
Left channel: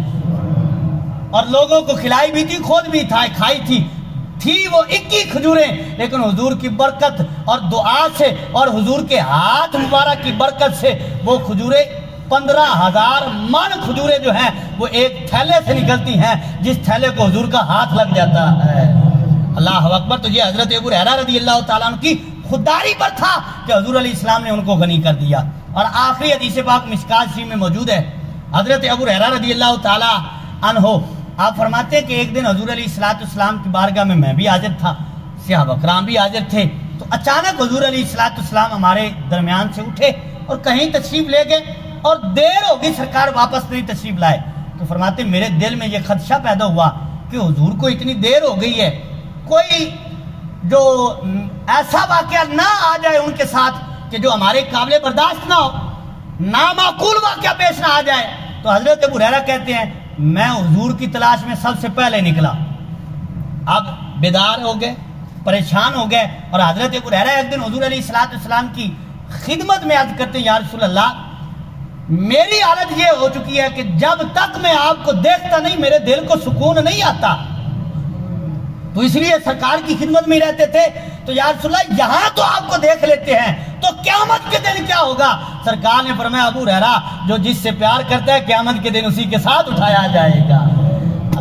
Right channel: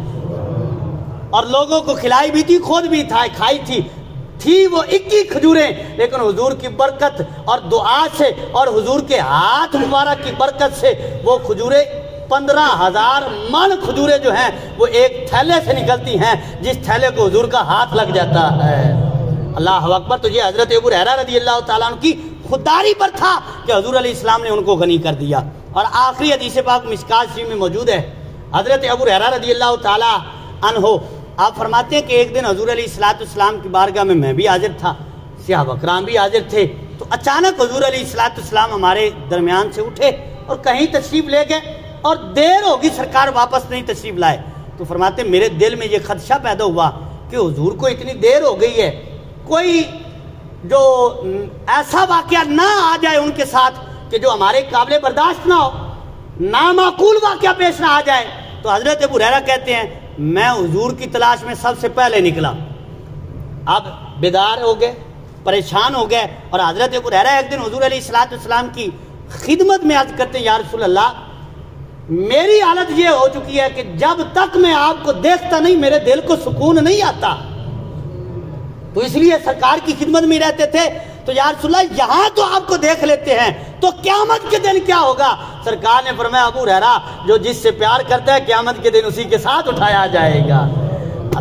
اور لوگوں کو کھلائی بھی تھی، خود بھی کھائی تھی وہ 21 کھجوریں. لیکن حضور کی برکت اور دعا سے اور حضور کے ہاتھ مبارک کی برکت سے وہ کھجوریں 15,000 من کھجوریں جو ہیں وہ ایک تھیلے سے نکلتی ہیں، جس تھیلے کو حضور کا ہاتھ لگ جاتا ہے. اللہ اکبر. تو یہ حضرت ابو ہریرہ رضی اللہ تعالیٰ عنہ کی خودداری پر تھا کہ حضور علیہ السلام نے ان کو غنی کر دیا. اور آخری حدیث پاک مشکات شریف میں موجود ہے. حضرت ابو ہریرہ رضی اللہ تعالیٰ عنہ آپ فرماتے ہیں کہ ایک دن حضور علیہ السلام کی بارگاہ میں بھی حاضر تھا، صحابہ کرام بھی حاضر تھے. تو اچانک حضور علیہ السلام ہمارے درمیان سے اٹھے اور کہیں تشریف لے گئے اور دیر ہوگی سرکار واپس نہیں تشریف لائے. تو فرماتے ہیں میرے دل میں یہ خدشہ پیدا ہوا کہ حضور کو اتنی دیر ہو گئی ہے، کوئی جو ایسا واقعہ نہ آ جائے ان کے ساتھ کہ جو ہمارے قابل برداشت نہ ہو، نامعقول واقعہ پیش نہ آ جائے. تو حضرت ابو ہریرہ کہتے ہیں میں حضور کی تلاش میں سب سے پہلے نکلا. اب بیدار ہو گئے، پریشان ہو گئے، اور حضرت ابو ہریرہ ایک دن حضور علیہ السلام کی خدمت میں عرض کرتے ہیں یا رسول اللہ میری حالت یہ ہو چکی ہے کہ جب تک میں آپ کو دیکھتا نہیں میرے دل کو سکون نہیں آتا. تو اس لیے سرکار کی خدمت میں رہتے تھے. تو یا رسول اللہ یہاں تو آپ کو دیکھ لیتے ہیں تو قیامت کے دن کیا ہوگا؟ سرکار نے فرمایا ابو ہریرہ جو جس سے پیار کرتا ہے قیامت کے دن اسی کے ساتھ اٹھایا جائے گا.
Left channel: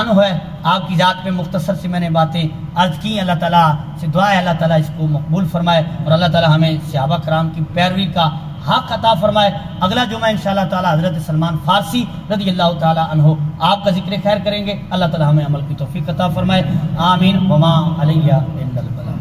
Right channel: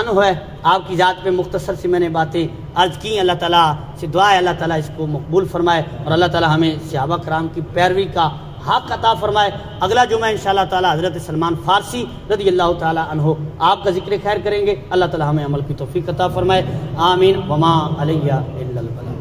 عنہ ہے، آپ کی ذات پہ مختصر سی میں نے باتیں عرض کی. اللہ تعالیٰ سے دعا ہے اللہ تعالیٰ اس کو مقبول فرمائے اور اللہ تعالیٰ ہمیں صحابہ کرام کی پیروی کا حق عطا فرمائے. اگلا جمعہ انشاءاللہ تعالیٰ حضرت سلمان فارسی رضی اللہ تعالیٰ عنہ آپ کا ذکر خیر کریں گے. اللہ تعالیٰ ہمیں عمل کی توفیق عطا فرمائے. آمین. وما علیہ الا البلاغ.